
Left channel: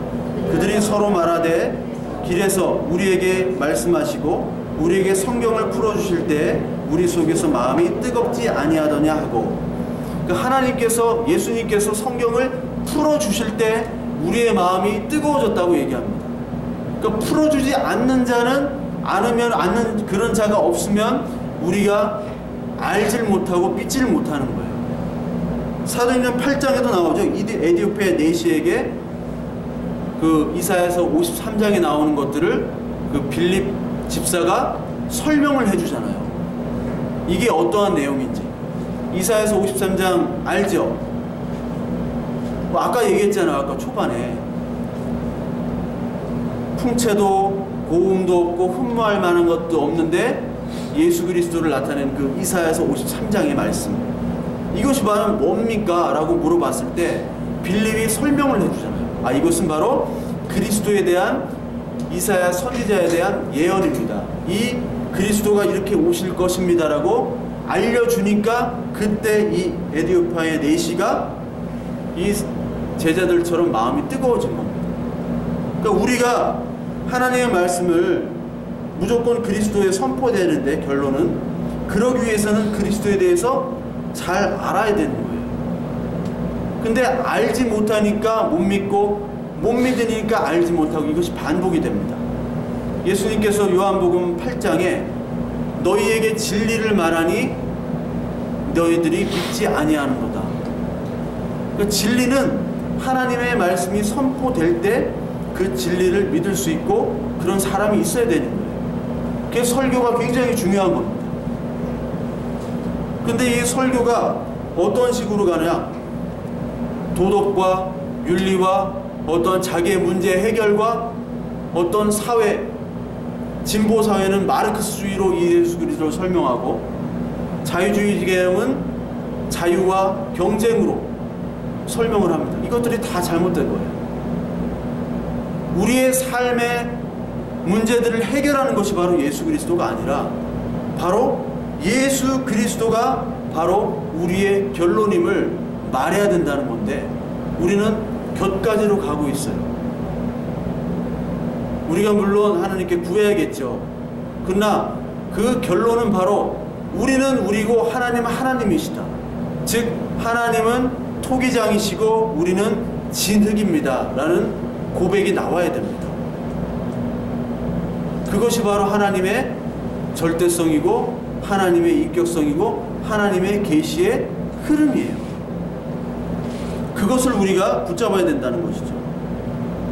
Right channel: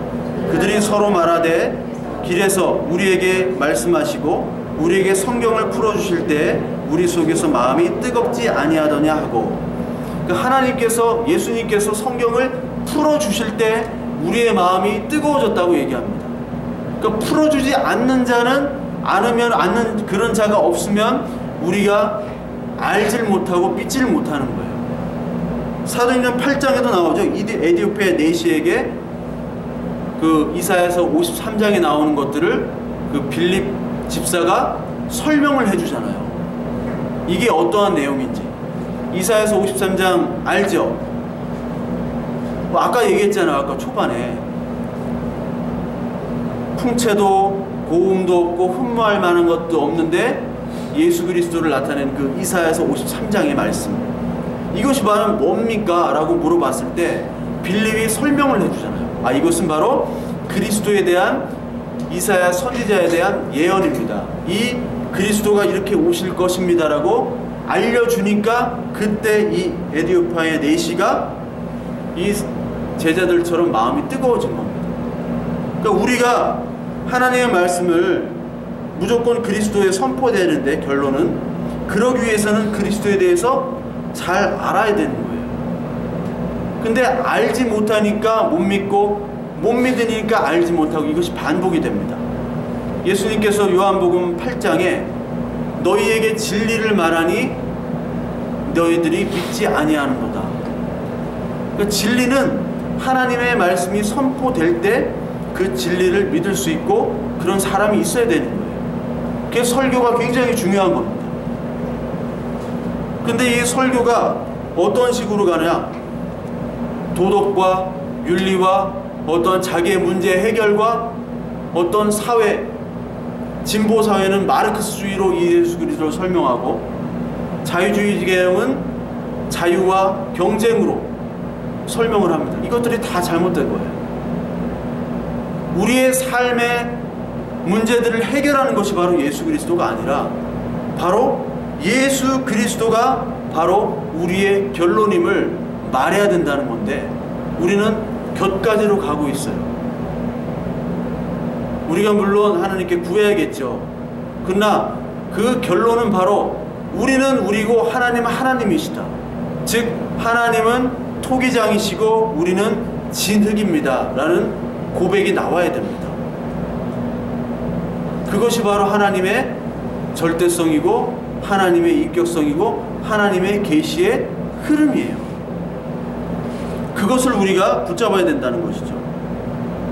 그들이 서로 말하되 길에서 우리에게 말씀하시고 우리에게 성경을 풀어주실 때 우리 속에서 마음이 뜨겁지 아니하더냐 하고, 그러니까 하나님께서, 예수님께서 성경을 풀어주실 때 우리의 마음이 뜨거워졌다고 얘기합니다. 그러니까 풀어주지 않는 자는, 않는 그런 자가 없으면 우리가 알질 못하고 믿질 못하는 거예요. 사도행전 8장에도 나오죠. 에디오피아 내시에게 그 이사야서 53장에 나오는 것들을 그 빌립 집사가 설명을 해주잖아요. 이게 어떠한 내용인지. 이사야서 53장 알죠? 뭐 아까 얘기했잖아요. 아까 초반에 풍채도 고음도 없고 흠모할 만한 것도 없는데 예수 그리스도를 나타낸 그 이사야서 53장의 말씀, 이것이 바로 뭡니까? 라고 물어봤을 때 빌립이 설명을 해주잖아요. 아, 이것은 바로 그리스도에 대한, 이사야 선지자에 대한 예언입니다. 이 그리스도가 이렇게 오실 것입니다 라고 알려주니까 그때 이 에디오피아의 내시가 이 제자들처럼 마음이 뜨거워진 겁니다. 그러니까 우리가 하나님의 말씀을 무조건 그리스도에 선포되는데, 결론은 그러기 위해서는 그리스도에 대해서 잘 알아야 되는 거예요. 근데 알지 못하니까 못 믿고, 못 믿으니까 알지 못하고, 이것이 반복이 됩니다. 예수님께서 요한복음 8장에 너희에게 진리를 말하니 너희들이 믿지 아니하는도다. 그러니까 진리는 하나님의 말씀이 선포될 때 그 진리를 믿을 수 있고 그런 사람이 있어야 되는 거예요. 그게 설교가 굉장히 중요한 겁니다. 근데 이 설교가 어떤 식으로 가냐? 도덕과 윤리와 어떤 자기의 문제 해결과 어떤 사회 진보 사회는 마르크스주의로 예수 그리스도를 설명하고, 자유주의 개혁은 자유와 경쟁으로 설명을 합니다. 이것들이 다 잘못된 거예요. 우리의 삶의 문제들을 해결하는 것이 바로 예수 그리스도가 아니라, 바로 예수 그리스도가 바로 우리의 결론임을 말해야 된다는 건데, 우리는 곁가지로 가고 있어요. 우리가 물론 하나님께 구해야겠죠. 그러나 그 결론은 바로 우리는 우리고 하나님은 하나님이시다. 즉 하나님은 토기장이시고 우리는 진흙입니다 라는 고백이 나와야 됩니다. 그것이 바로 하나님의 절대성이고 하나님의 인격성이고 하나님의 계시의 흐름이에요. 그것을 우리가 붙잡아야 된다는 것이죠.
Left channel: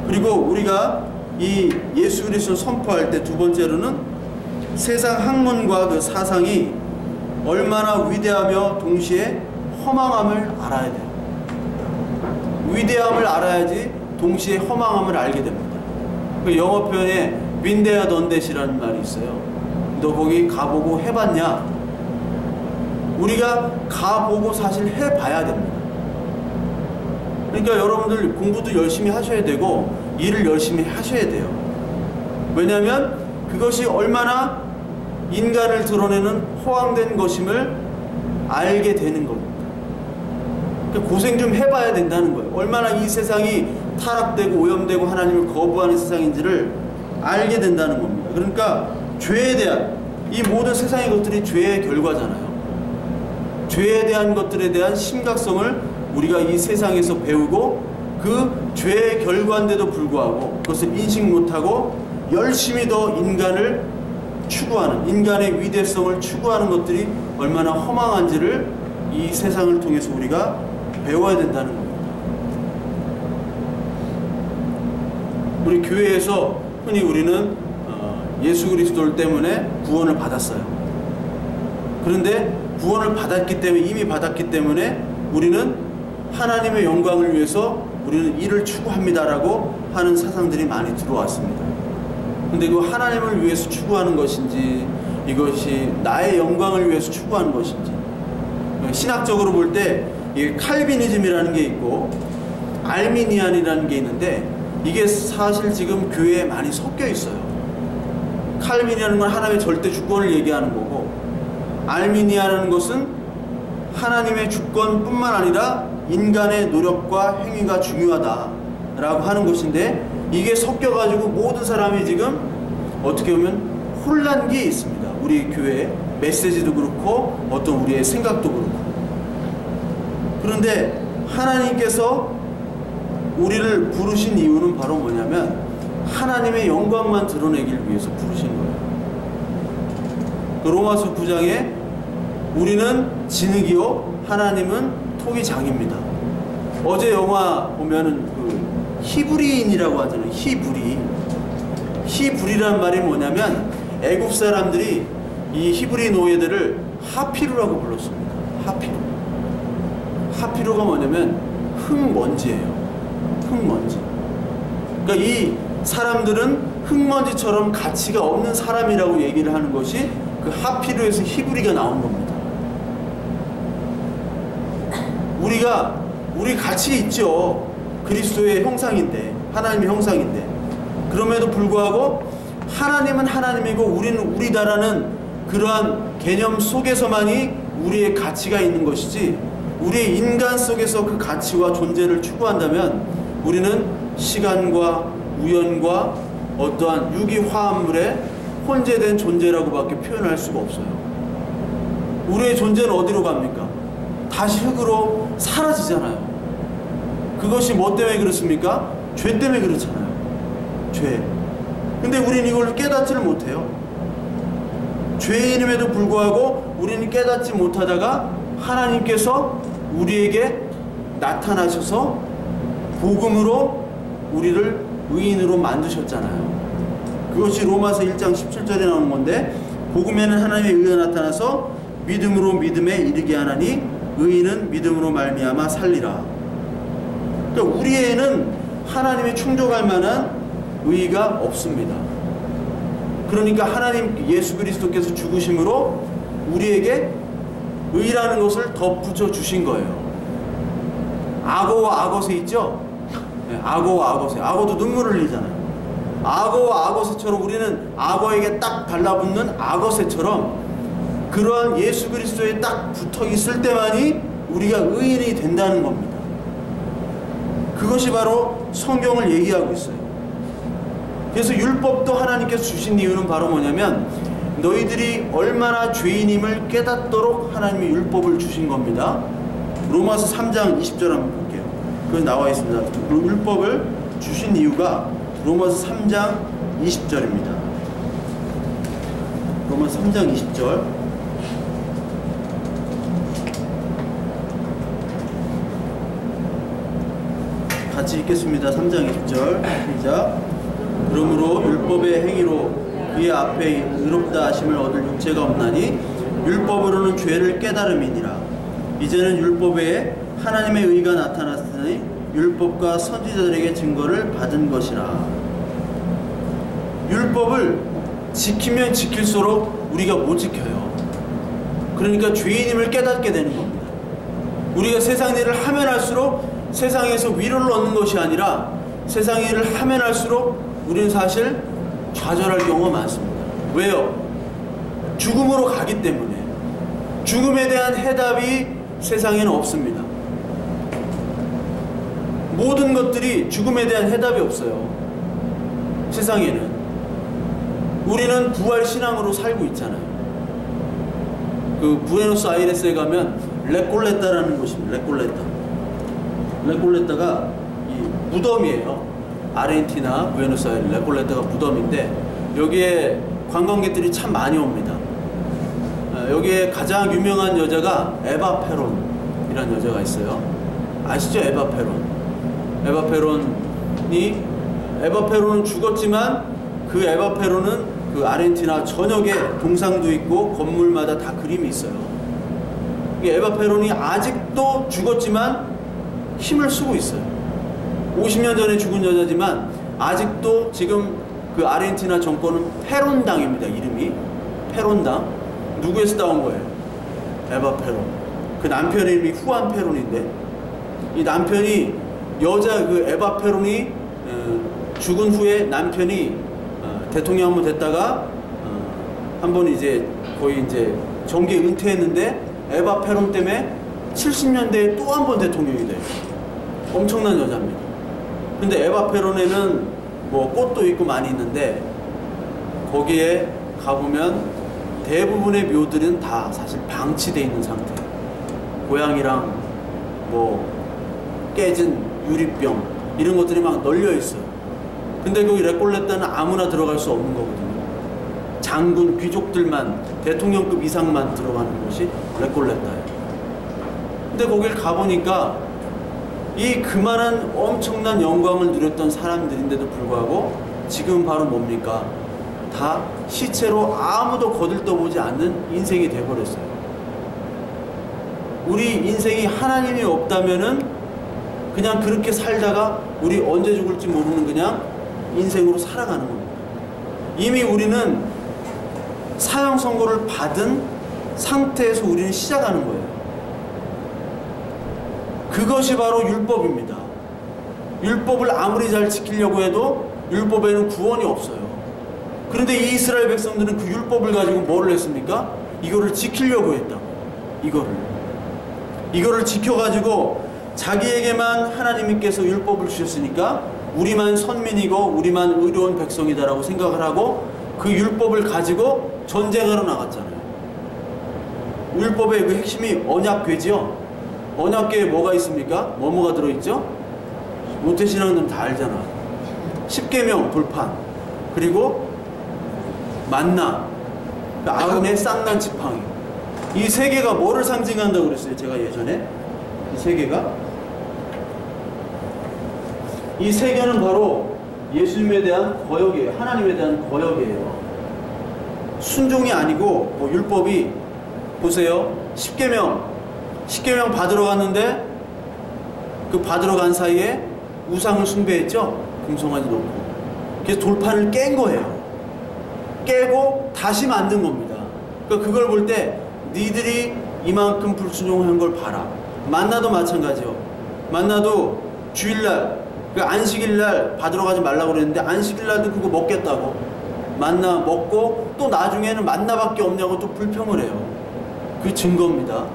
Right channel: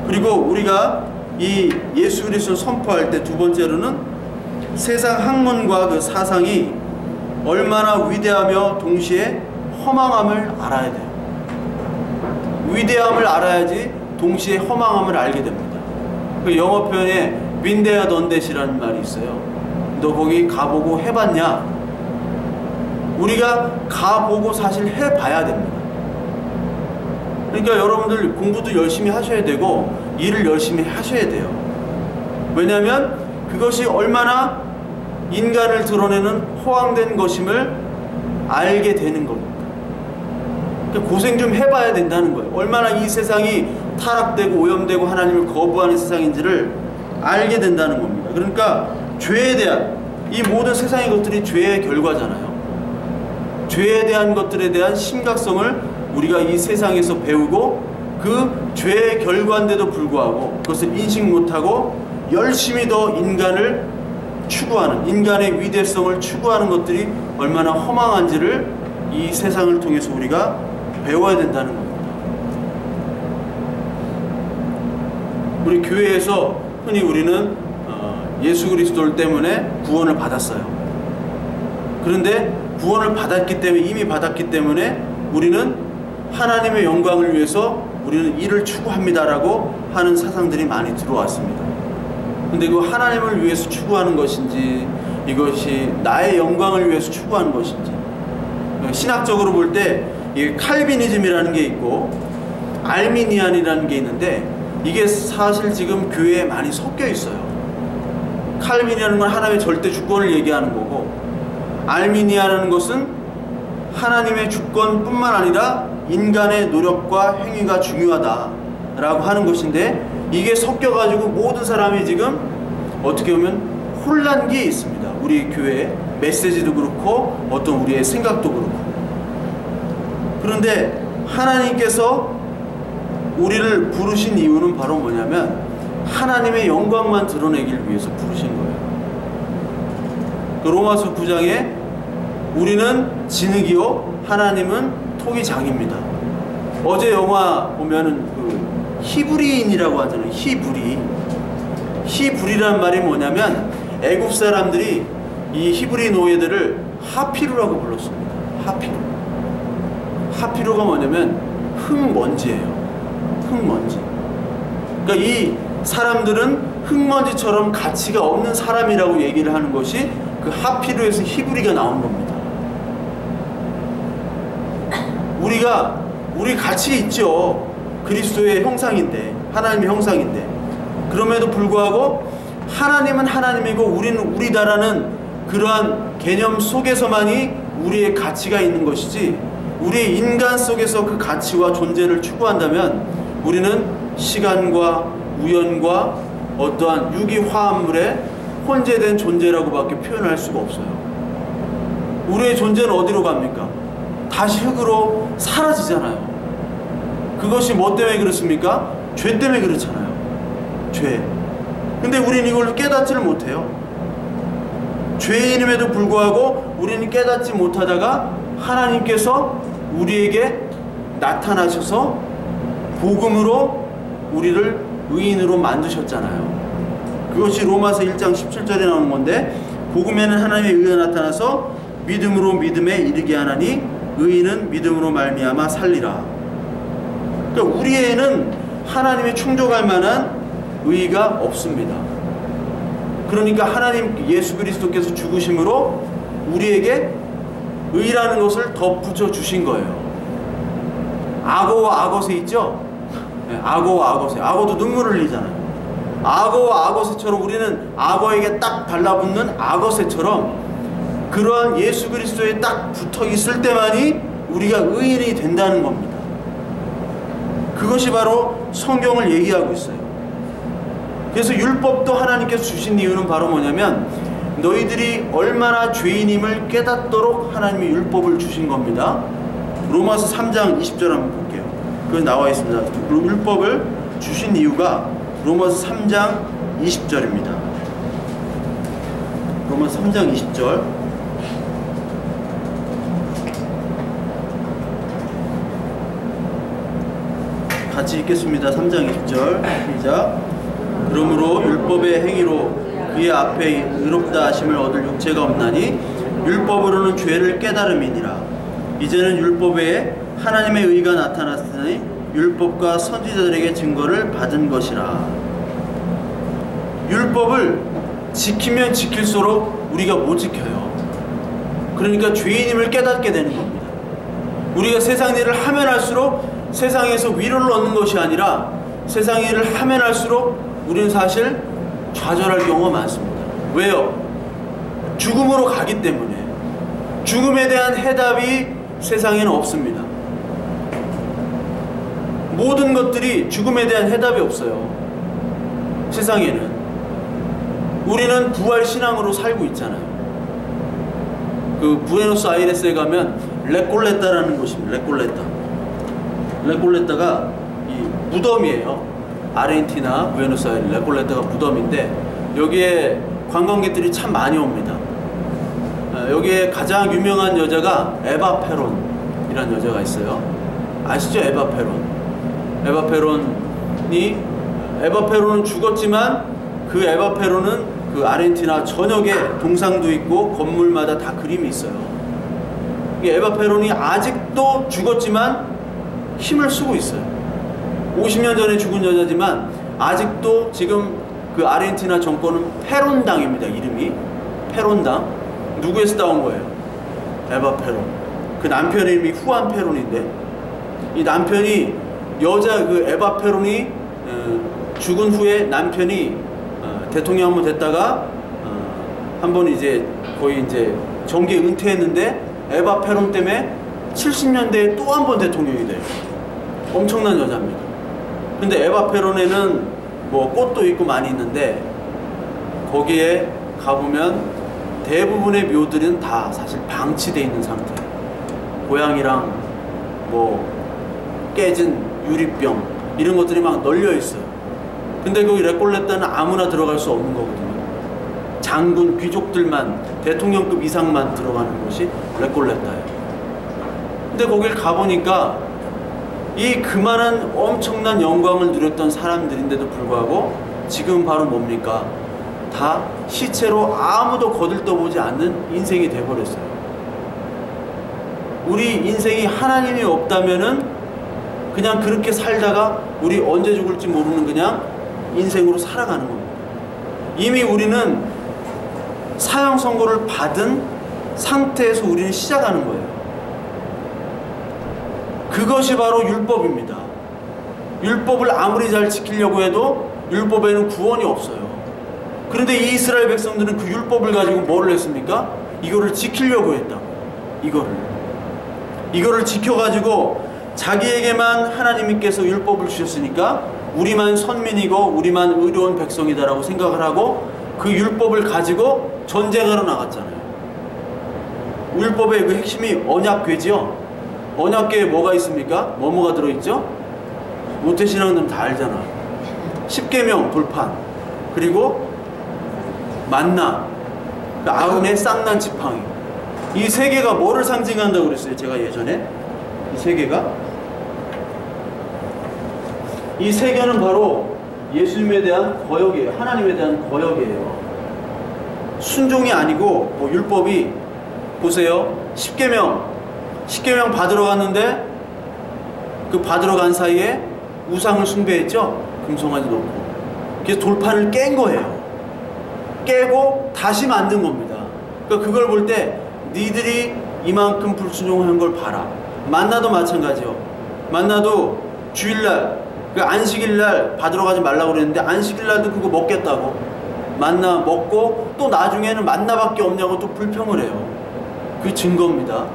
그리고 우리가 이 예수 그리스도를 선포할 때 두 번째로는 세상 학문과 그 사상이 얼마나 위대하며 동시에 허망함을 알아야 돼요. 위대함을 알아야지 동시에 허망함을 알게 됩니다. 그 영어 표현에 been there done that이라는 말이 있어요. 너 거기 가보고 해봤냐? 우리가 가보고 사실 해봐야 됩니다. 그러니까 여러분들 공부도 열심히 하셔야 되고 일을 열심히 하셔야 돼요. 왜냐하면 그것이 얼마나 인간을 드러내는 허황된 것임을 알게 되는 겁니다. 그러니까 고생 좀 해봐야 된다는 거예요. 얼마나 이 세상이 타락되고 오염되고 하나님을 거부하는 세상인지를 알게 된다는 겁니다. 그러니까 죄에 대한, 이 모든 세상의 것들이 죄의 결과잖아요. 죄에 대한 것들에 대한 심각성을 우리가 이 세상에서 배우고 그 죄의 결과인데도 불구하고 그것을 인식 못하고 열심히 더 인간을 추구하는, 인간의 위대성을 추구하는 것들이 얼마나 허망한지를 이 세상을 통해서 우리가 배워야 된다는 겁니다. 우리 교회에서 흔히 우리는 예수 그리스도 때문에 구원을 받았어요. 그런데 구원을 받았기 때문에, 이미 받았기 때문에 우리는 하나님의 영광을 위해서 우리는 이를 추구합니다라고 하는 사상들이 많이 들어왔습니다. 근데 그 하나님을 위해서 추구하는 것인지, 이것이 나의 영광을 위해서 추구하는 것인지, 신학적으로 볼 때 이게 칼비니즘이라는 게 있고 알미니안이라는 게 있는데, 이게 사실 지금 교회에 많이 섞여 있어요. 칼빈이라는 건 하나님의 절대 주권을 얘기하는 거고, 알미니아라는 것은 하나님의 주권뿐만 아니라 인간의 노력과 행위가 중요하다라고 하는 것인데, 이게 섞여가지고 모든 사람이 지금 어떻게 보면 혼란기에 있습니다. 우리 교회의 메시지도 그렇고 어떤 우리의 생각도 그렇고. 그런데 하나님께서 우리를 부르신 이유는 바로 뭐냐면 하나님의 영광만 드러내길 위해서 부르신 거예요. 그 로마서 9장에 우리는 진흙이요 하나님은 토기장입니다. 어제 영화 보면은 그 히브리인이라고 하잖아요. 히브리라는 말이 뭐냐면 애굽 사람들이 이 히브리 노예들을 하피루라고 불렀습니다. 하피루가 뭐냐면 흙먼지예요. 흙먼지. 그러니까 이 사람들은 흙먼지처럼 가치가 없는 사람이라고 얘기를 하는 것이 그 하피루에서 히브리가 나온 겁니다. 우리 가치 있죠. 그리스도의 형상인데, 하나님의 형상인데, 그럼에도 불구하고 하나님은 하나님이고 우리는 우리다라는 그러한 개념 속에서만이 우리의 가치가 있는 것이지, 우리의 인간 속에서 그 가치와 존재를 추구한다면 우리는 시간과 우연과 어떠한 유기화합물에 혼재된 존재라고밖에 표현할 수가 없어요. 우리의 존재는 어디로 갑니까? 다시 흙으로 사라지잖아요. 그것이 뭐 때문에 그렇습니까? 죄 때문에 그렇잖아요. 죄. 근데 우리는 이걸 깨닫지를 못해요. 죄인임에도 불구하고 우리는 깨닫지 못하다가 하나님께서 우리에게 나타나셔서 복음으로 우리를 의인으로 만드셨잖아요. 그것이 로마서 1장 17절에 나오는 건데, 복음에는 하나님의 의가 나타나서 믿음으로 믿음에 이르게 하나니 의인은 믿음으로 말미암아 살리라. 그러니까 우리에는 하나님의 충족할 만한 의의가 없습니다. 그러니까 하나님 예수 그리스도께서 죽으심으로 우리에게 의라는 것을 덧붙여 주신 거예요. 악어와 악어새 있죠? 네, 악어와 악어새. 악어도 눈물을 흘리잖아요. 악어와 악어새처럼 우리는 악어에게 딱 달라붙는 악어새처럼 그러한 예수 그리스도에 딱 붙어 있을 때만이 우리가 의인이 된다는 겁니다. 그것이 바로 성경을 얘기하고 있어요. 그래서 율법도 하나님께서 주신 이유는 바로 뭐냐면 너희들이 얼마나 죄인임을 깨닫도록 하나님이 율법을 주신 겁니다. 로마서 3장 20절 한번 볼게요. 그거 나와 있습니다. 율법을 주신 이유가 로마서 3장 20절입니다. 로마서 3장 20절. 같이 읽겠습니다. 3장 20절 시작. 그러므로 율법의 행위로 그의 앞에 의롭다 하심을 얻을 육체가 없나니 율법으로는 죄를 깨달음이니라. 이제는 율법에 하나님의 의가 나타났으니 율법과 선지자들에게 증거를 받은 것이라. 율법을 지키면 지킬수록 우리가 못 지켜요. 그러니까 죄인임을 깨닫게 되는 겁니다. 우리가 세상 일을 하면 할수록 세상에서 위로를 얻는 것이 아니라 세상 일을 하면 할수록 우리는 사실 좌절할 경우가 많습니다. 왜요? 죽음으로 가기 때문에. 죽음에 대한 해답이 세상에는 없습니다. 모든 것들이 죽음에 대한 해답이 없어요. 세상에는. 우리는 부활신앙으로 살고 있잖아요. 그 부에노스아이레스에 가면 레꼴레타라는 곳입니다. 레꼴레타가 이 무덤이에요. 아르헨티나 부에노스아이레스 레꼴레타가 무덤인데 여기에 관광객들이 참 많이 옵니다. 여기에 가장 유명한 여자가 에바 페론이라는 여자가 있어요. 아시죠? 에바 페론은 죽었지만 그 에바 페론은 그 아르헨티나 전역에 동상도 있고 건물마다 다 그림이 있어요. 에바 페론이 아직도 죽었지만 힘을 쓰고 있어요. 50년 전에 죽은 여자지만 아직도 지금 그 아르헨티나 정권은 페론당입니다. 이름이 페론당. 누구에서 따온 거예요? 에바 페론. 그 남편 이름이 후안 페론인데 이 남편이 여자 그 에바 페론이 죽은 후에 남편이 대통령 한번 됐다가 한번 이제 거의 이제 정계 은퇴했는데 에바 페론 때문에 70년대에 또 한 번 대통령이 돼요. 엄청난 여자입니다. 근데 에바 페론에는 뭐 꽃도 있고 많이 있는데 거기에 가보면 대부분의 묘들은 다 사실 방치되어 있는 상태. 고양이랑 뭐 깨진 유리병 이런 것들이 막 널려 있어요. 근데 거기 레꼴레타는 아무나 들어갈 수 없는 거거든요. 장군, 귀족들만, 대통령급 이상만 들어가는 곳이 레꼴레타예요. 근데 거길 가보니까 이 그만한 엄청난 영광을 누렸던 사람들인데도 불구하고 지금 바로 뭡니까? 다 시체로 아무도 거들떠보지 않는 인생이 돼버렸어요. 우리 인생이 하나님이 없다면은 그냥 그렇게 살다가 우리 언제 죽을지 모르는 그냥 인생으로 살아가는 겁니다. 이미 우리는 사형 선고를 받은 상태에서 우리는 시작하는 거예요. 그것이 바로 율법입니다. 율법을 아무리 잘 지키려고 해도 율법에는 구원이 없어요. 그런데 이 이스라엘 백성들은 그 율법을 가지고 뭐를 했습니까? 이거를 지키려고 했다. 이거를 지켜가지고 자기에게만 하나님께서 율법을 주셨으니까 우리만 선민이고 우리만 의로운 백성이다라고 생각을 하고 그 율법을 가지고 전쟁하러 나갔잖아요. 율법의 그 핵심이 언약궤지요. 언약궤에 뭐가 있습니까? 뭐가 들어있죠? 모태신앙들은 다 알잖아. 십계명 돌판, 그리고 만나, 그 아론의 쌍난 지팡이. 이 세 개가 뭐를 상징한다고 그랬어요? 제가 예전에 이 세 개가, 이 세 개는 바로 예수님에 대한 거역이에요. 하나님에 대한 거역이에요. 순종이 아니고 뭐 율법이 보세요. 십계명 받으러 갔는데 그 받으러 간 사이에 우상을 숭배했죠. 금송아지 놓고. 그래서 돌판을 깬 거예요. 깨고 다시 만든 겁니다. 그러니까 그걸 볼 때 니들이 이만큼 불순종한 걸 봐라. 만나도 마찬가지요. 만나도 주일날, 그 안식일날 받으러 가지 말라고 그랬는데 안식일날도 그거 먹겠다고 만나 먹고 또 나중에는 만나밖에 없냐고 또 불평을 해요. 그 증거입니다.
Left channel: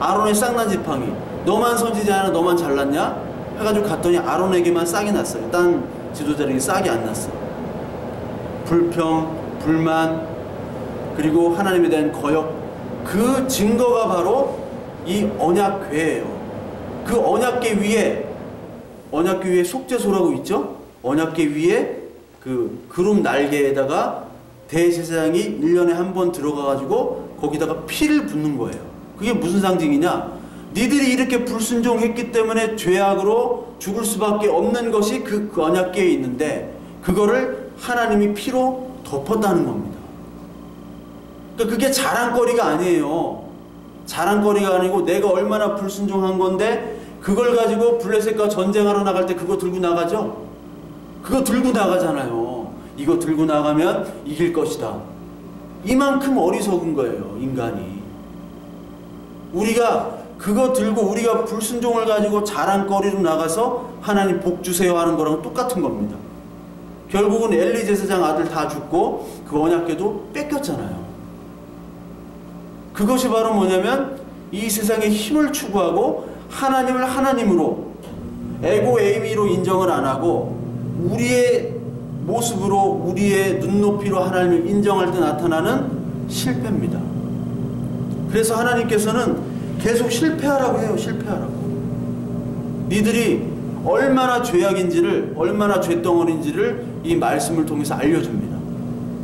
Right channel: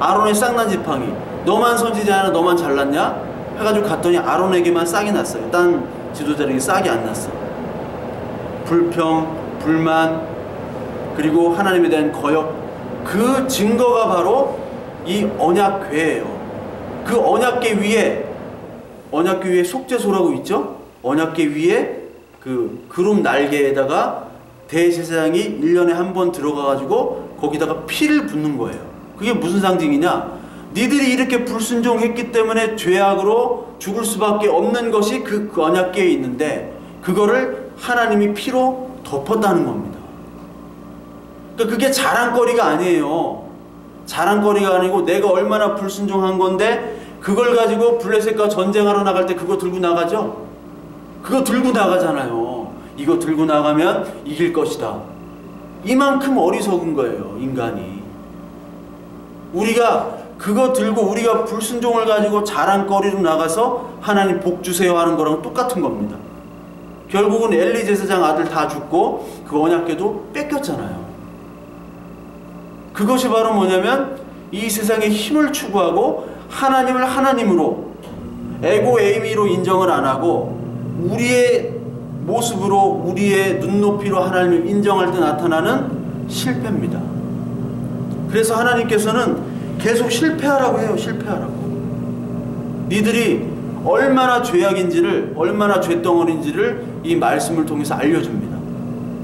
아론의 쌍난 지팡이, 너만 선지자냐 너만 잘났냐 해가지고 갔더니 아론에게만 싹이 났어요. 딴 지도자에게 싹이 안 났어. 불평, 불만, 그리고 하나님에 대한 거역, 그 증거가 바로 이 언약궤예요. 그 언약궤 위에 속죄소라고 있죠? 언약궤 위에 그 구름 날개에다가 대제사장이 1년에 한 번 들어가가지고 거기다가 피를 붓는 거예요. 그게 무슨 상징이냐? 니들이 이렇게 불순종했기 때문에 죄악으로 죽을 수밖에 없는 것이 그 언약궤에 있는데 그거를 하나님이 피로 덮었다는 겁니다. 그러니까 그게 자랑거리가 아니에요. 자랑거리가 아니고 내가 얼마나 불순종한 건데 그걸 가지고 블레셋과 전쟁하러 나갈 때 그거 들고 나가죠? 그거 들고 나가잖아요. 이거 들고 나가면 이길 것이다. 이만큼 어리석은 거예요, 인간이. 우리가 그거 들고 우리가 불순종을 가지고 자랑거리로 나가서 하나님 복 주세요 하는 거랑 똑같은 겁니다. 결국은 엘리 제사장 아들 다 죽고 그 언약궤도 뺏겼잖아요. 그것이 바로 뭐냐면 이 세상의 힘을 추구하고 하나님을 하나님으로 에고 에이미로 인정을 안 하고 우리의 모습으로 우리의 눈높이로 하나님을 인정할 때 나타나는 실패입니다. 그래서 하나님께서는 계속 실패하라고 해요. 실패하라고. 니들이 얼마나 죄악인지를, 얼마나 죄덩어리인지를 이 말씀을 통해서 알려줍니다.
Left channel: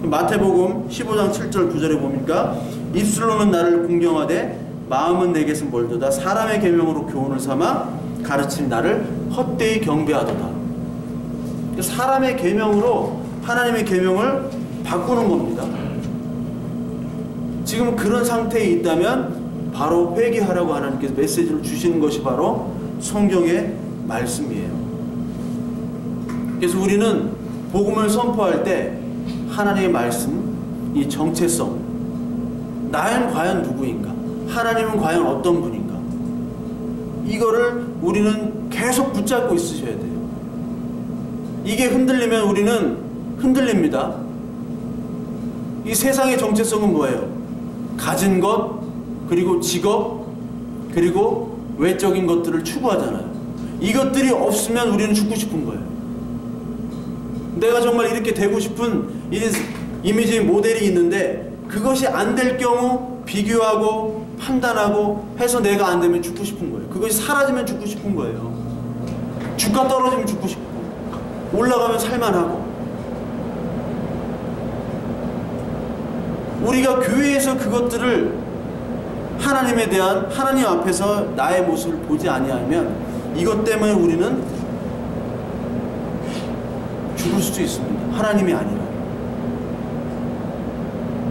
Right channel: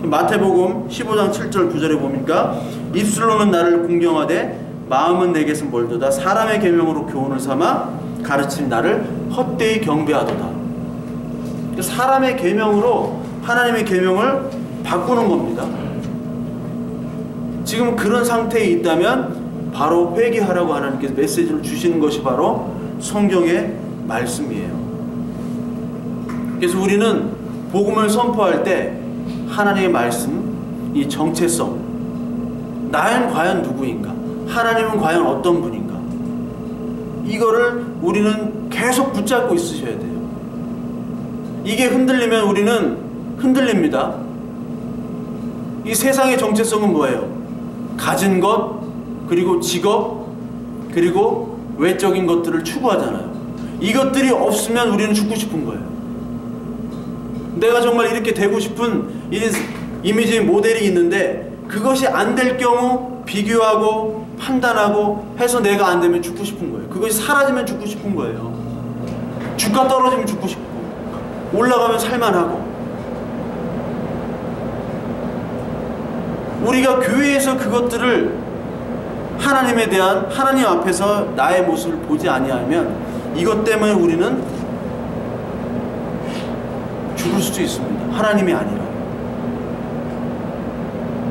마태복음 15장 7절 9절에 보니까 입술로는 나를 공경하되 마음은 내게서 멀도다. 사람의 계명으로 교훈을 삼아 가르친 나를 헛되이 경배하도다. 사람의 계명으로 하나님의 계명을 바꾸는 겁니다. 지금 그런 상태에 있다면 바로 회개하라고 하나님께서 메시지를 주시는 것이 바로 성경의 말씀이에요. 그래서 우리는 복음을 선포할 때 하나님의 말씀, 이 정체성, 나는 과연 누구인가? 하나님은 과연 어떤 분인가? 이거를 우리는 계속 붙잡고 있으셔야 돼요. 이게 흔들리면 우리는 흔들립니다. 이 세상의 정체성은 뭐예요? 가진 것, 그리고 직업, 그리고 외적인 것들을 추구하잖아요. 이것들이 없으면 우리는 죽고 싶은 거예요. 내가 정말 이렇게 되고 싶은 이미지 모델이 있는데 그것이 안 될 경우 비교하고 판단하고 해서 내가 안 되면 죽고 싶은 거예요. 그것이 사라지면 죽고 싶은 거예요. 주가 떨어지면 죽고 싶고 올라가면 살만하고. 우리가 교회에서 그것들을 하나님에 대한 하나님 앞에서 나의 모습을 보지 아니하면 이것 때문에 우리는 죽을 수도 있습니다. 하나님이 아니라.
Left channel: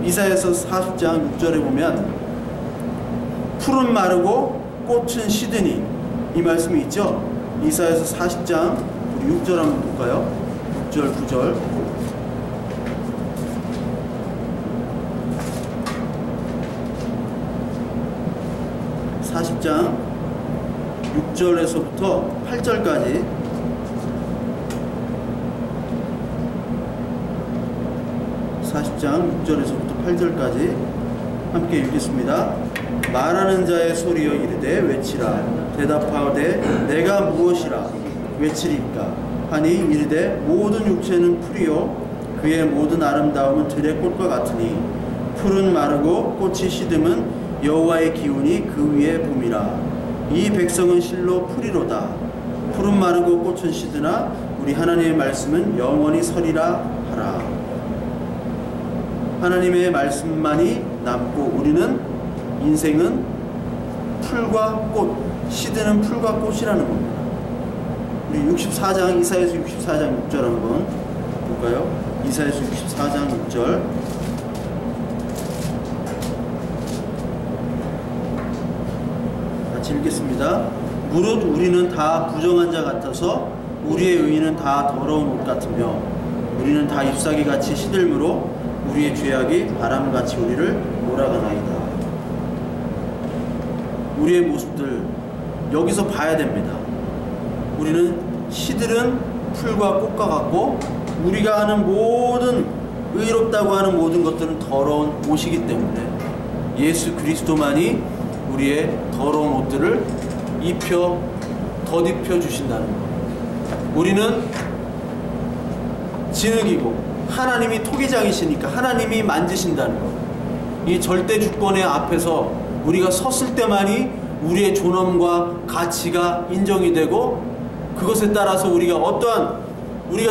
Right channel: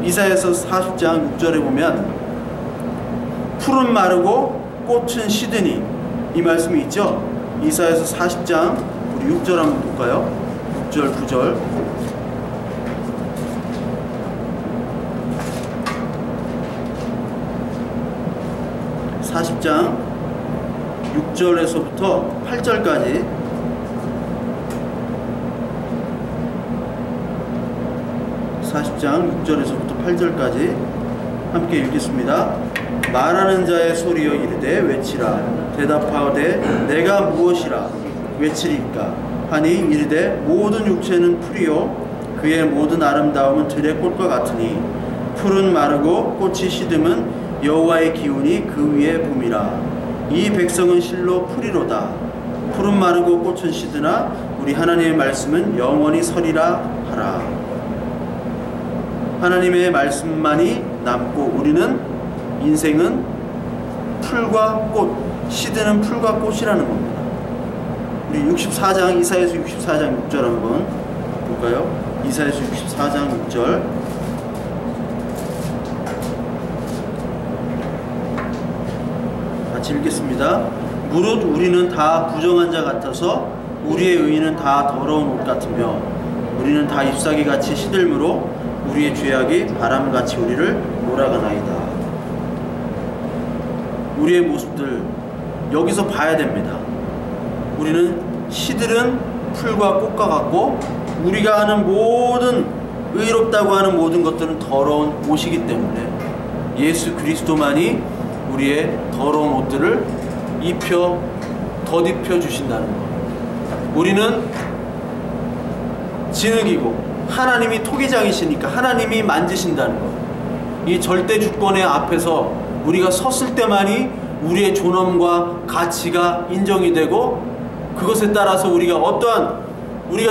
이사야서 40장 6절에 보면 풀은 마르고 꽃은 시드니 이 말씀이 있죠. 이사야서 40장 우리 6절 한번 볼까요? 6절 9절 40장 6절에서부터 8절까지 40장 6절에서부터 8절까지 함께 읽겠습니다. 말하는 자의 소리여 이르되 외치라. 대답하되 내가 무엇이라 외치리까 하니 이르되 모든 육체는 풀이요 그의 모든 아름다움은 들의 꽃과 같으니 풀은 마르고 꽃이 시듬은 여호와의 기운이 그 위에 봄이라. 이 백성은 실로 풀이로다. 풀은 마르고 꽃은 시드나 우리 하나님의 말씀은 영원히 서리라 하라. 하나님의 말씀만이 남고 우리는 인생은 풀과 꽃, 시드는 풀과 꽃이라는 겁니다. 우리 64장 이사야서 64장 6절 한번 볼까요? 이사야서 64장 6절 같이 읽겠습니다. 무릇 우리는 다 부정한 자 같아서 우리의 의인은 다 더러운 옷 같으며 우리는 다 잎사귀같이 시들므로 우리의 죄악이 바람같이 우리를 몰아가나이다. 우리의 모습들 여기서 봐야 됩니다. 우리는 시들은 풀과 꽃과 같고 우리가 하는 모든 의롭다고 하는 모든 것들은 더러운 옷이기 때문에 예수 그리스도만이 우리의 더러운 옷들을 덧입혀 주신다는 것. 우리는 진흙이고 하나님이 토기장이시니까 하나님이 만지신다는 것. 이 절대 주권의 앞에서 우리가 섰을 때만이 우리의 존엄과 가치가 인정이 되고 그것에 따라서 우리가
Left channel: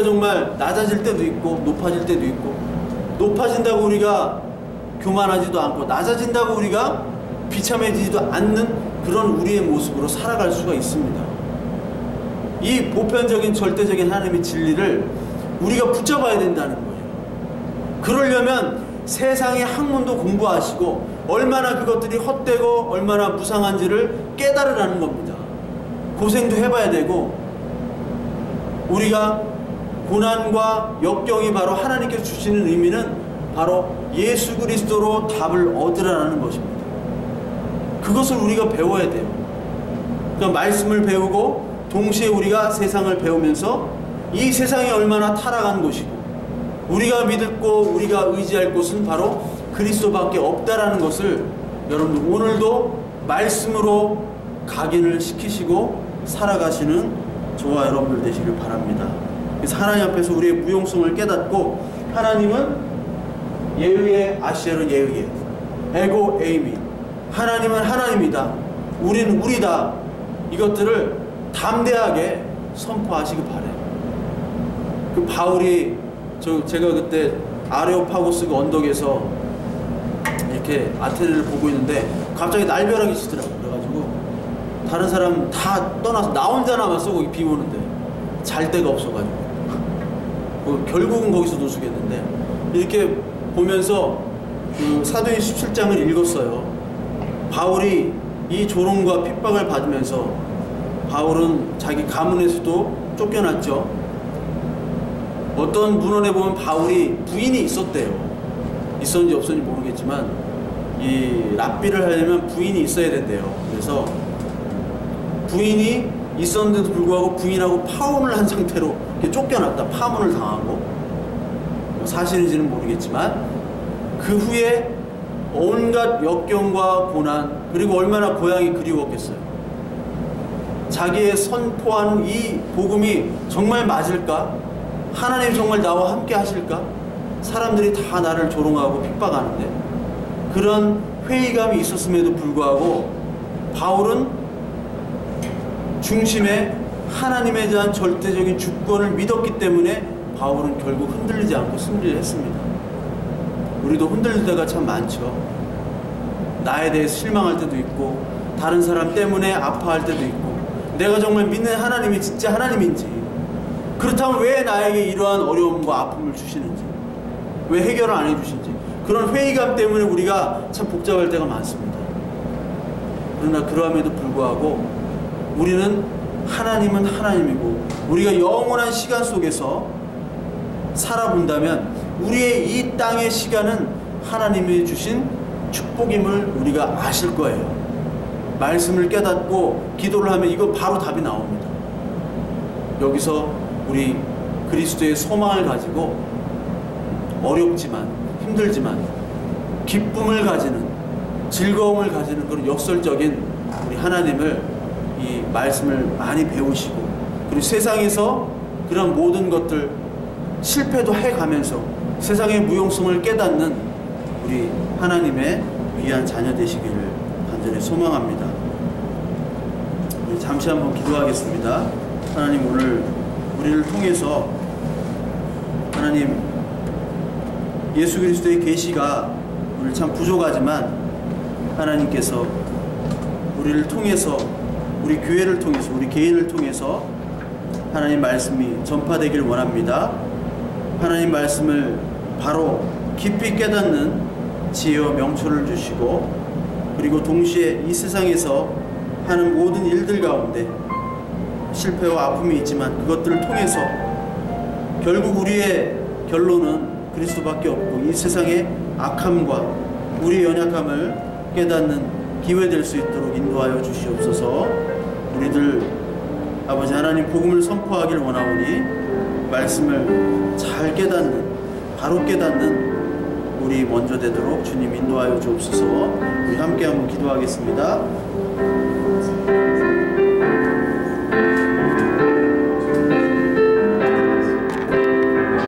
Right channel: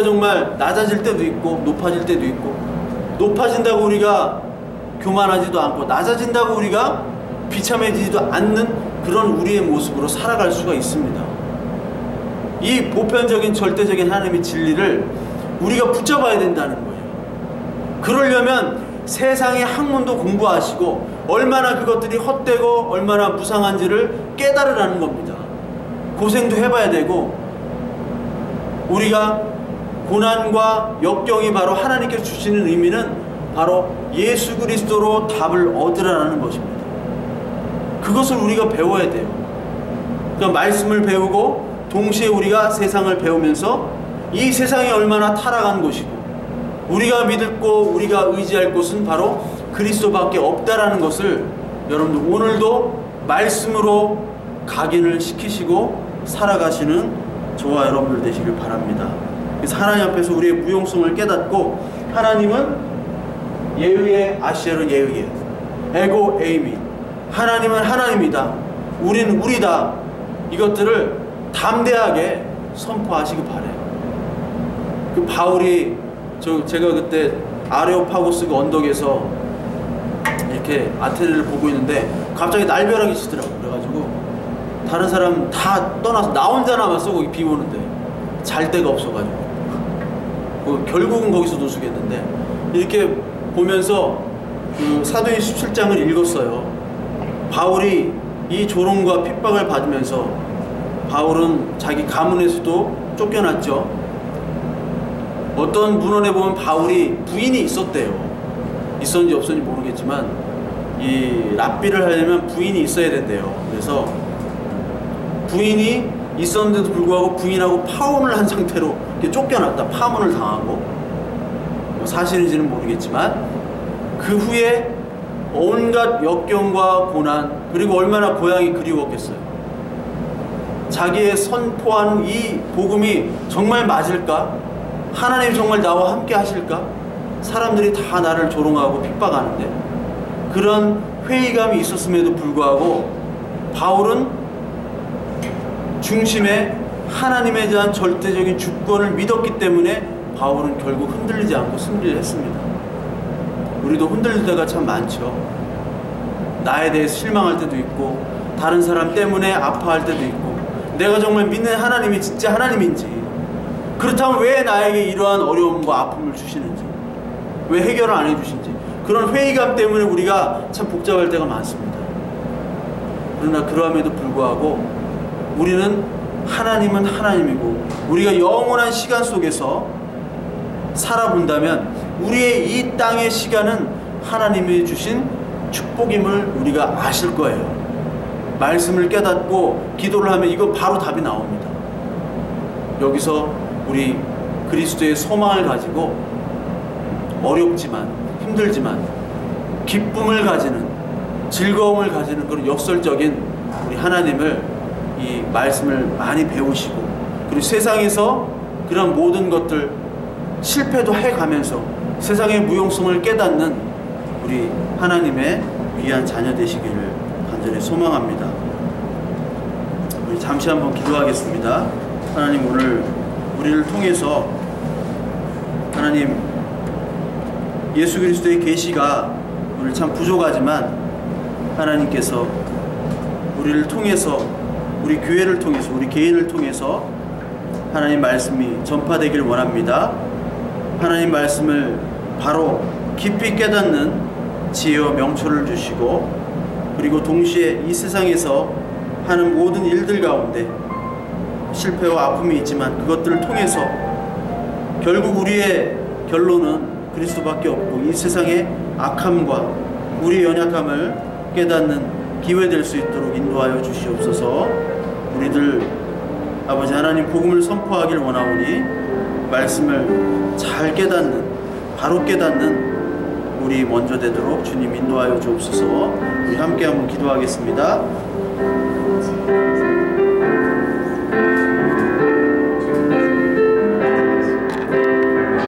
정말 낮아질 때도 있고 높아질 때도 있고 높아진다고 우리가 교만하지도 않고 낮아진다고 우리가 비참해지지도 않는 그런 우리의 모습으로 살아갈 수가 있습니다. 이 보편적인 절대적인 하나님의 진리를 우리가 붙잡아야 된다는 거예요. 그러려면 세상의 학문도 공부하시고 얼마나 그것들이 헛되고 얼마나 무상한지를 깨달으라는 겁니다. 고생도 해봐야 되고 우리가 고난과 역경이 바로 하나님께서 주시는 의미는 바로 예수 그리스도로 답을 얻으라는 것입니다. 그것을 우리가 배워야 돼요. 그러니까 말씀을 배우고 동시에 우리가 세상을 배우면서 이 세상이 얼마나 타락한 것이고 우리가 믿고 우리가 의지할 곳은 바로 그리스도밖에 없다라는 것을 여러분들 오늘도 말씀으로 각인을 시키시고 살아가시는 저와 여러분들 되시길 바랍니다. 그래서 하나님 앞에서 우리의 무용성을 깨닫고 하나님은 예의에 아시에르 예의에 에고 에이미 하나님은 하나님이다. 우리는 우리다. 이것들을 담대하게 선포하시기 바래요. 그 바울이 제가 그때 아레오파고스 그 언덕에서 이렇게 아테네를 보고 있는데 갑자기 날벼락이 치더라고요. 그래가지고 다른 사람 다 떠나서 나 혼자 남았어. 거기 비 오는데 잘 데가 없어가지고 결국은 거기서 노숙했는데 이렇게 보면서 그 사도행 17장을 읽었어요. 바울이 이 조롱과 핍박을 받으면서 바울은 자기 가문에서도 쫓겨났죠. 어떤 문헌에 보면 바울이 부인이 있었대요. 있었는지 없었는지 모르겠지만 이 랍비를 하려면 부인이 있어야 된대요. 그래서 부인이 있었는데도 불구하고 부인하고 파혼을 한 상태로 이렇게 쫓겨났다. 파문을 당하고 사실인지는 모르겠지만 그 후에 온갖 역경과 고난 그리고 얼마나 고향이 그리웠겠어요. 자기의 선포하는 이 복음이 정말 맞을까? 하나님이 정말 나와 함께 하실까? 사람들이 다 나를 조롱하고 핍박하는데 그런 회의감이 있었음에도 불구하고 바울은 중심에 하나님에 대한 절대적인 주권을 믿었기 때문에 바울은 결국 흔들리지 않고 승리를 했습니다. 우리도 흔들릴 때가 참 많죠. 나에 대해 실망할 때도 있고 다른 사람 때문에 아파할 때도 있고 내가 정말 믿는 하나님이 진짜 하나님인지 그렇다면 왜 나에게 이러한 어려움과 아픔을 주시는지 왜 해결을 안 해주신지 그런 회의감 때문에 우리가 참 복잡할 때가 많습니다. 그러나 그러함에도 불구하고 우리는 하나님은 하나님이고 우리가 영원한 시간 속에서 살아본다면 우리의 이 땅의 시간은 하나님이 주신 축복임을 우리가 아실 거예요. 말씀을 깨닫고 기도를 하면 이거 바로 답이 나옵니다. 여기서 우리 그리스도의 소망을 가지고 어렵지만 힘들지만 기쁨을 가지는 즐거움을 가지는 그런 역설적인 우리 하나님을 이 말씀을 많이 배우시고 그리고 세상에서 그런 모든 것들 실패도 해가면서 세상의 무용성을 깨닫는 우리 하나님의 귀한 자녀 되시기를 간절히 소망합니다. 우리 잠시 한번 기도하겠습니다. 하나님 오늘 우리를 통해서 하나님 예수 그리스도의 계시가 우리를 참 부족하지만 하나님께서 우리를 통해서 우리 교회를 통해서 우리 개인을 통해서 하나님 말씀이 전파되길 원합니다. 하나님 말씀을 바로 깊이 깨닫는 지혜와 명철을 주시고 그리고 동시에 이 세상에서 하는 모든 일들 가운데 실패와 아픔이 있지만 그것들을 통해서 결국 우리의 결론은 그리스도밖에 없고 이 세상의 악함과 우리의 연약함을 깨닫는 기회 될 수 있도록 인도하여 주시옵소서. 우리들 아버지 하나님 복음을 선포하길 원하오니 말씀을 잘 깨닫는, 바로 깨닫는 우리 먼저 되도록 주님 인도하여 주옵소서. 우리 함께 한번 기도하겠습니다.